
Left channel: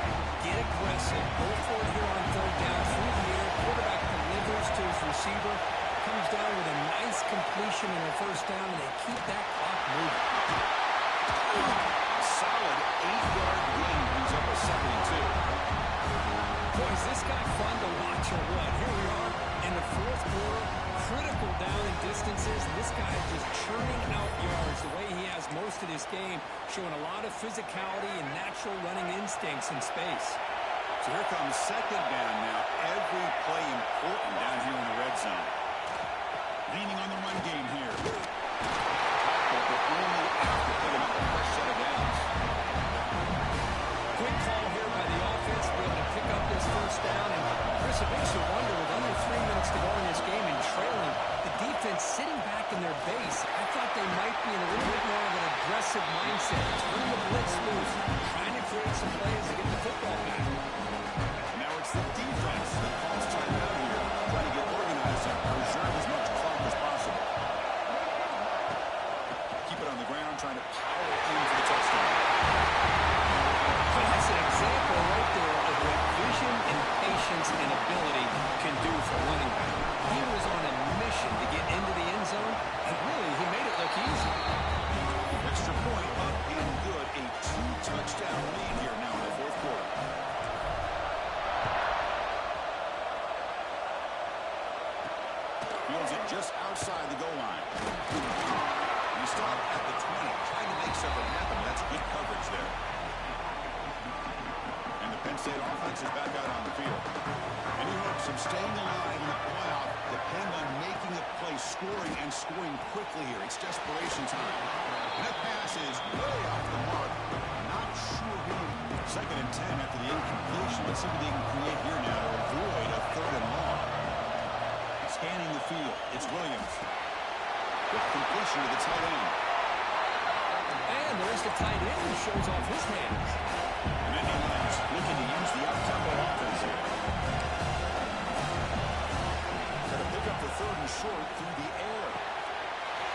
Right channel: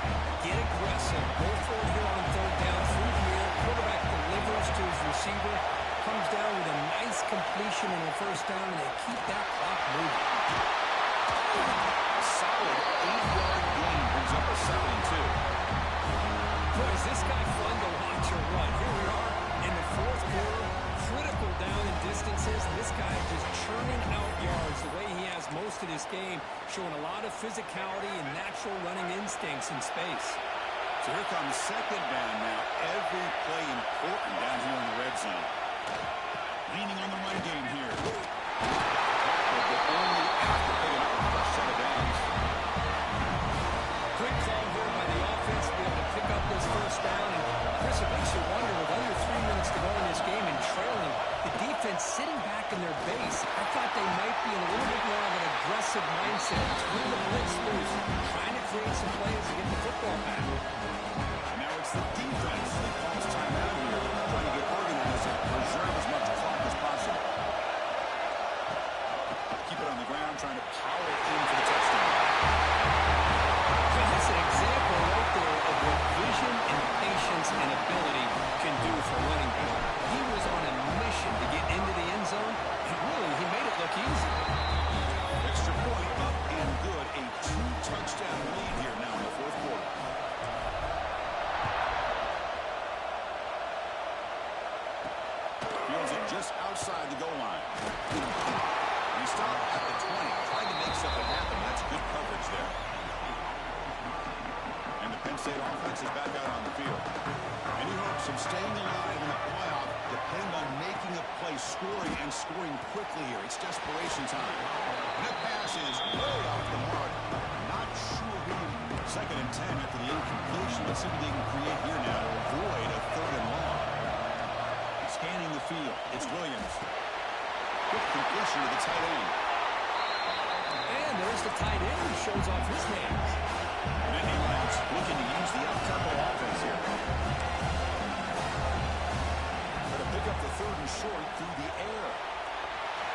Get aggressive. Go for it here on 3rd down through the air. Quarterback delivers to his receiver. Comes down with a nice completion and a 1st down, and they keep that clock moving. A solid 8-yard gain brings up a 2nd and 2. Boy, is this guy fun to watch or what? Here we are in the 4th quarter, critical down in distances. And this guy is just churning out yards the way he has most of this game, showing a lot of physicality and natural running instincts in space. So here comes 2nd down now. Every play important down here in the red zone. Leaning on the run game here. Tackle, but only after picking up a fresh set of downs. Quick call here by the offense to be able to pick up this 1st down. And Chris, it makes you wonder, with under 3 minutes to go in this game and trailing, the defense sitting back in their base. I thought they might be in a little bit more of an aggressive mindset, turn the blitz loose, trying to create some plays to get the football back. And now it's the defense that calls timeout here, trying to get organized and preserve as much clock as possible. Keep it on the ground, trying to power in for the touchdown. Well, that's an example right there of what vision and patience and ability can do for a running back. He was on a mission to get into the end zone, and really, he made it look easy. Extra point up and good. A 2-touchdown lead here now in the 4th quarter. Fields it just outside the goal line. He stopped at the 20, trying to make something happen. That's good coverage there. And the Penn State offense is back out on the field. Any hopes of staying alive in the playoff depend on making a play, scoring, and scoring quickly here. It's desperation time. And that pass is way off the mark. Not sure who. Second and 10 after the incompletion. Let's see what they can create here now to avoid a third and long. Scanning the field. It's Williams. Quick completion to the tight end. And there's the tight end who shows off his hands. And Indy Lions looking to use the up-tempo offense here. Got to pick up the third and short through the air.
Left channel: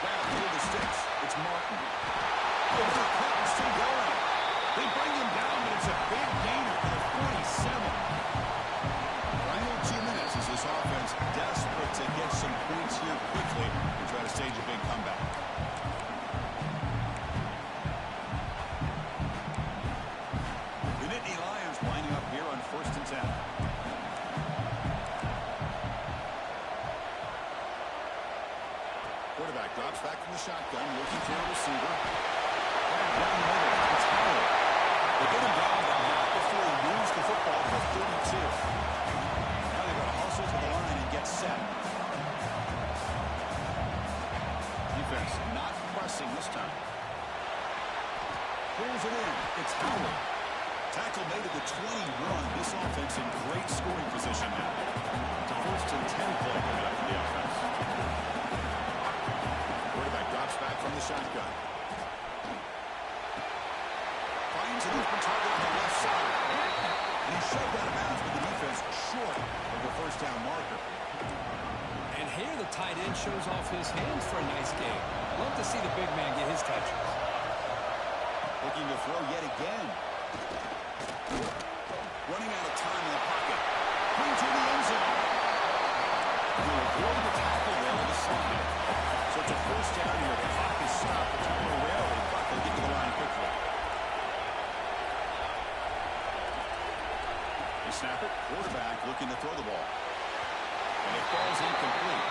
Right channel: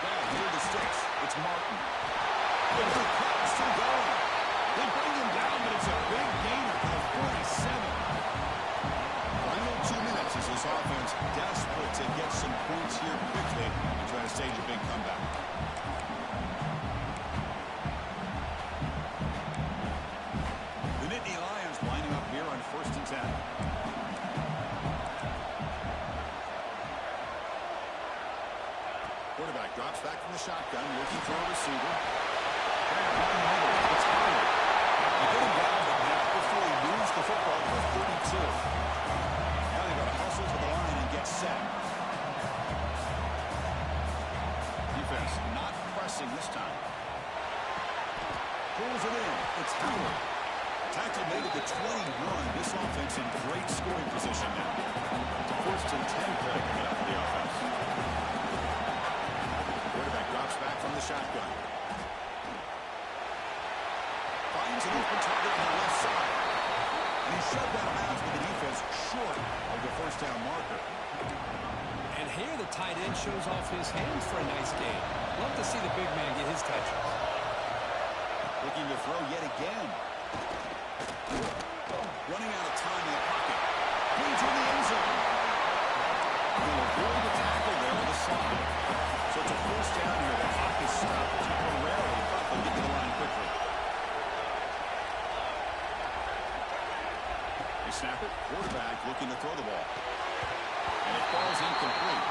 Now, near the sticks. It's Martin. Over the cut and still going. They bring him down, but it's a big gainer for the 47. Final 2 minutes as this offense desperate to get some points here quickly and try to stage a big comeback. The Nittany Lions lining up here on 1st and 10. Quarterback drops back from the shotgun, looking for a receiver. Down the middle, it's Howard. They get him down, but not before he moves the football to the 32. Now they've got to hustle to the line and get set. Defense not pressing this time. Pulls it in. It's Howard. Tackle made at the 21. This offense in great scoring position now. It's a 1st and 10 play coming up for the offense. Quarterback drops back from the shotgun. Finds an open target on the left side. And he's shoved out of bounds with the defense short of the 1st down marker. And here the tight end shows off his hands for a nice game. Love to see the big man get his touches. Looking to throw yet again. Running out of time in the pocket. Into the end zone. He'll avoid the tackle there with a slide. So it's a 1st down here. The clock is stopped temporarily, but they'll get to the line quickly. They snap it. Quarterback looking to throw the ball. And it falls incomplete.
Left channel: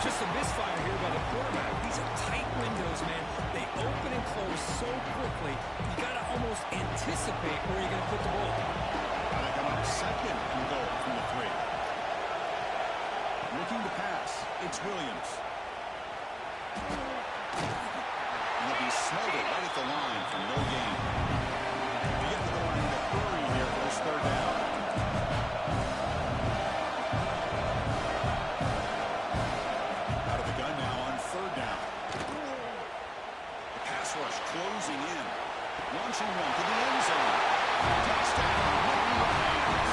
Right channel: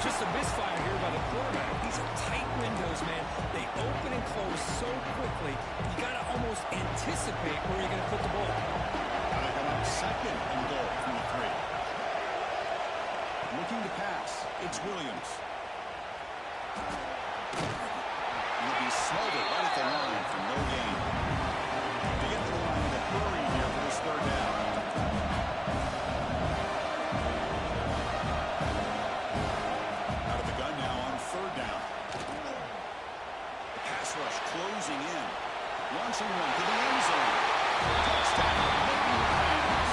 Just a misfire here by the quarterback. These are tight windows, man. They open and close so quickly. You got to almost anticipate where you're going to put the ball. Now they come up 2nd and goal from the 3. Looking to pass. It's Williams. And he'll be smothered right at the line for no gain. To get to the line in a hurry here for this 3rd down. Out of the gun now on 3rd down. The pass rush closing in. Launching one to the end zone. Touchdown, Nittany Lions.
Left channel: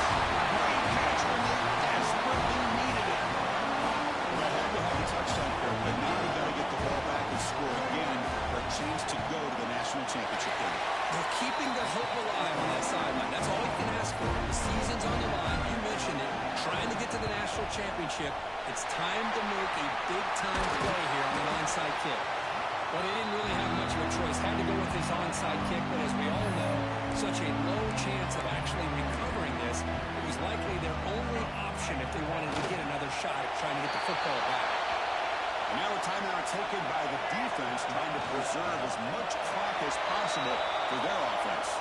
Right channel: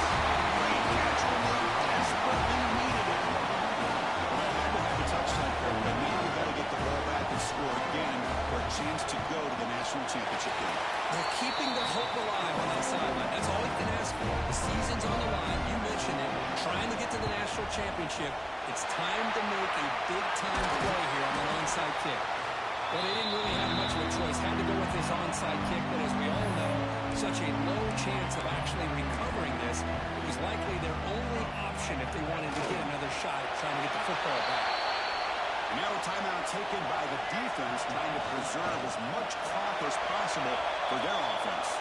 Great catch when they desperately needed it. Well, they had to have the touchdown here, but now you got to get the ball back and score again for a chance to go to the national championship game. They're keeping the hope alive on that sideline. That's all you can ask for. The season's on the line. You mentioned it. Trying to get to the national championship. It's time to make a big-time play here on the onside kick. Well, they didn't really have much of a choice. Had to go with this onside kick, but as we all know, such a low chance of actually recovering this. It was likely their only option if they wanted to get another shot at trying to get the football back. And now a timeout taken by the defense, trying to preserve as much clock as possible for their offense.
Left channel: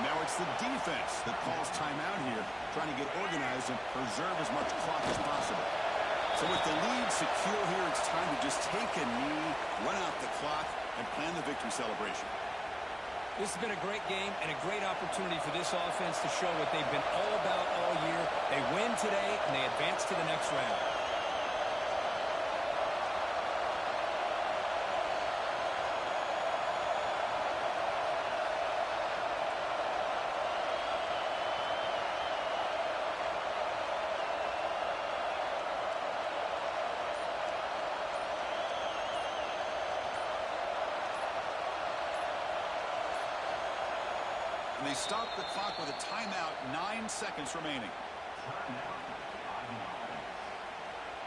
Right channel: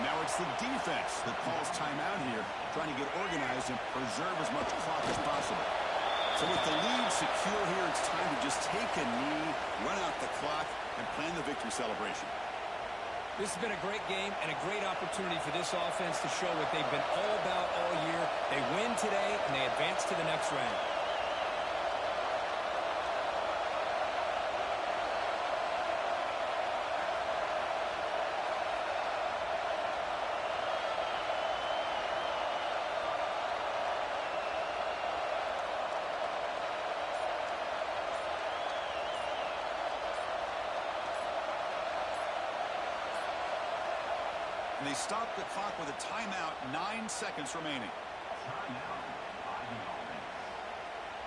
And now it's the defense that calls timeout here, trying to get organized and preserve as much clock as possible. So with the lead secure here, it's time to just take a knee, run out the clock, and plan the victory celebration. This has been a great game and a great opportunity for this offense to show what they've been all about all year. They win today, and they advance to the next round. And they stop the clock with a timeout, 9 seconds remaining.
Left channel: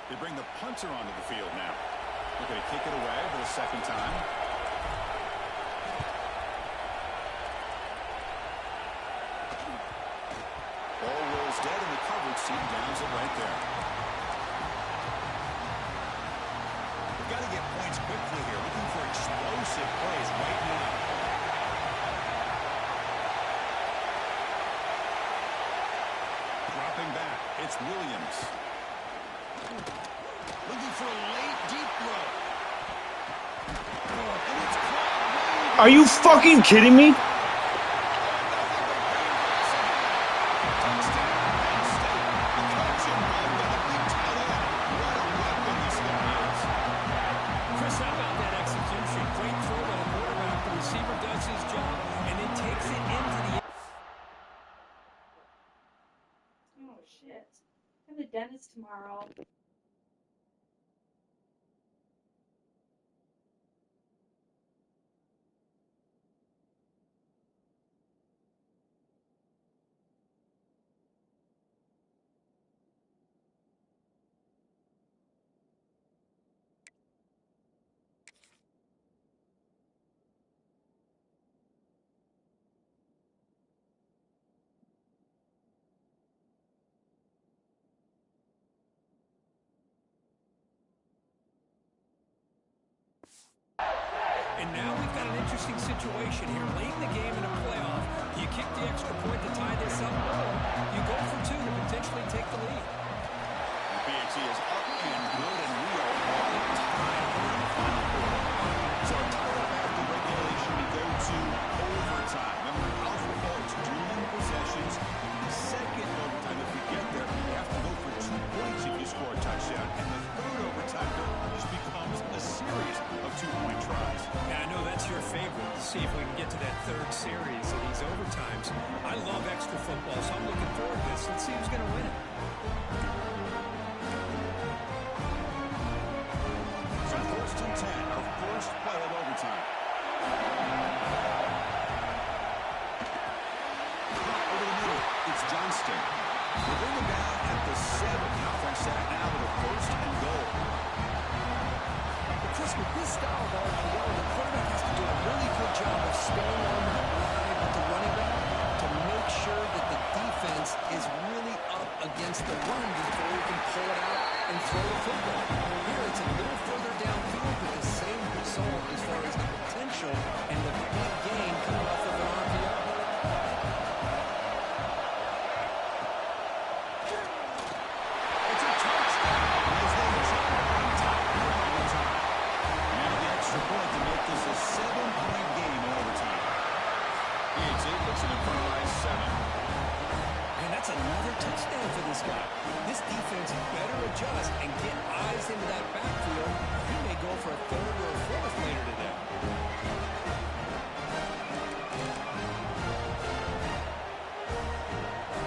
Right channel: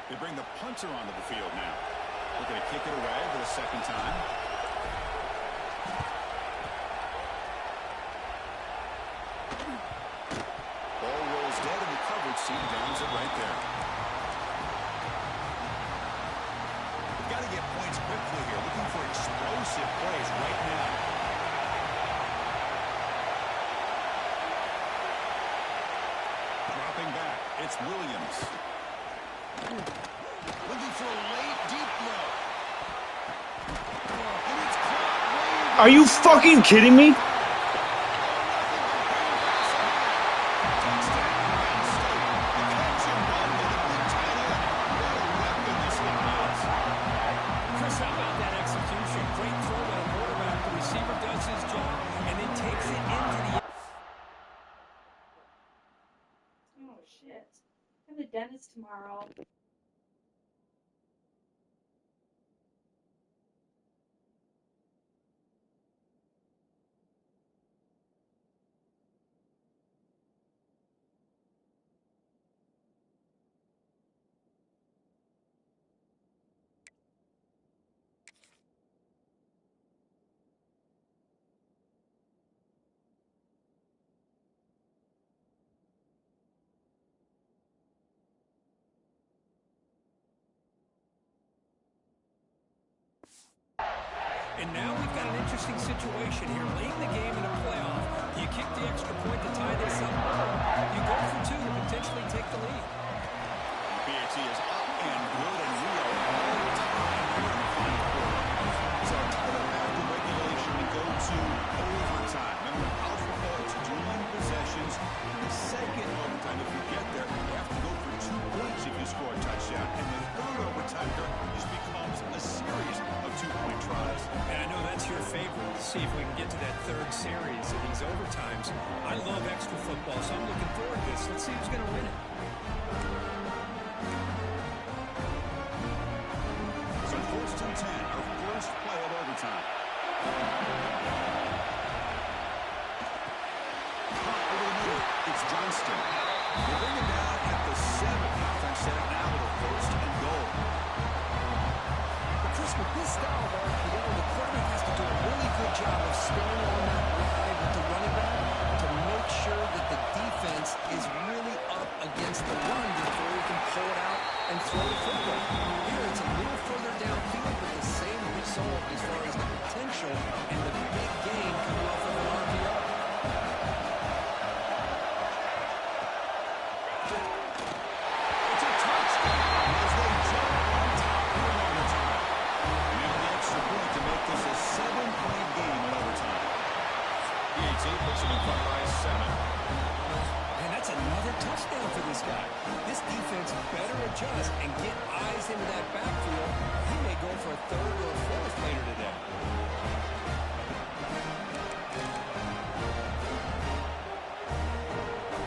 They bring the punter onto the field now. Looking to kick it away for the 2nd time. Ball rolls dead and the coverage team downs it right there. points quickly here, looking for explosive plays right now. Dropping back, it's Williams. Looking for a late, deep throw. And it's caught. Are you fucking kidding me? Shit. I'm the dentist tomorrow. And now we've got an interesting situation here. Late in the game in a playoff, you kick the extra point to tie this up, or you go for two to potentially take the lead. The PAT is up and good, and we are all tied here in the final quarter. So tied up after regulation, we go to overtime. Remember, in college football, it's dueling possessions. In the second overtime, if we get there, you have to go for 2 points if you score a touchdown. And the third overtime just becomes a series of 2-point tries. And I know that's your favorite. Let's see if we can get to that third series of these overtimes. I love extra football, so I'm looking forward to this. Let's see who's going to win it. So 1st and 10, our first play of overtime. Over the middle, it's Johnston. They bring him down at the 7. The offense set up now with a 1st and goal. But Chris, with this style of RPO, the quarterback has to do a really good job of staying on that ride with the running back to make sure that the defense is really up against the run before he can pull it out and throw the football. Here, it's a little further downfield, but the same result as far as the potential and the big gain coming off of an RPO. It's a touchdown as they jump on top here in overtime. And now the extra point to make this a 7-point game in overtime. PAT puts it in front by 7. Man, that's another touchdown for this guy. This defense better adjust and get eyes into that backfield. He may go for a 3rd or a 4th later today.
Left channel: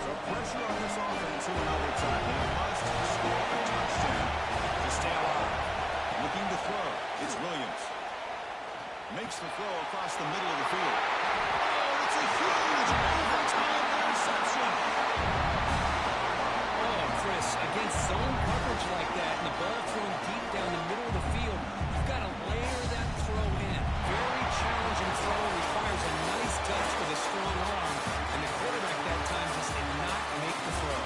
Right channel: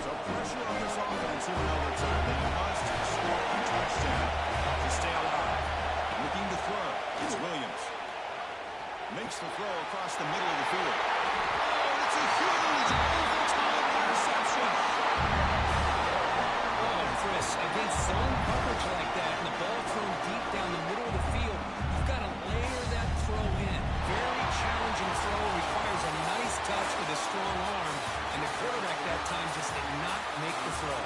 So pressure on this offense here in overtime. They must score a touchdown to stay alive. Looking to throw. It's Williams. Makes the throw across the middle of the field. Oh, it's a huge overtime interception. Oh, Chris, against zone coverage like that and the ball thrown deep down the middle of the field, you've got to layer that throw in. Very challenging throw, requires a nice touch with a strong arm, and the quarterback that time just did not make the throw.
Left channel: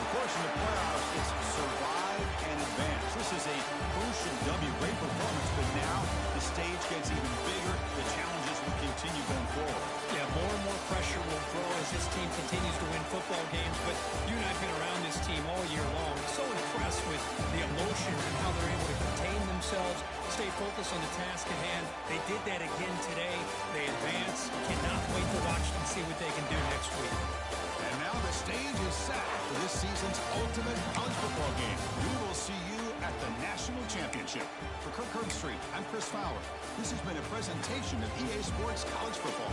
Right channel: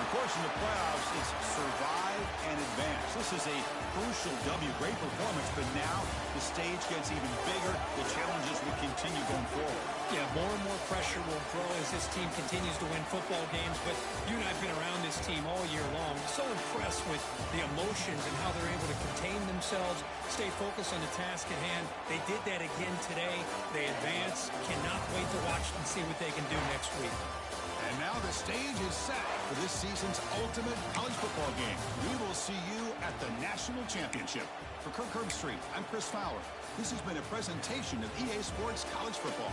Of course, in the playoffs, it's survive and advance. This is a crucial W. Great performance, but now the stage gets even bigger. The challenges will continue going forward. Yeah, more and more pressure will grow as this team continues to win football games, but you and I have been around this team all year long. So impressed with the emotions and how they're able to contain themselves, stay focused on the task at hand. They did that again today. They advance. Cannot wait to watch and see what they can do next week. And now the stage is set for this season's ultimate college football game. We will see you at the National Championship. For Kirk Herbstreit, I'm Chris Fowler. This has been a presentation of EA Sports College Football.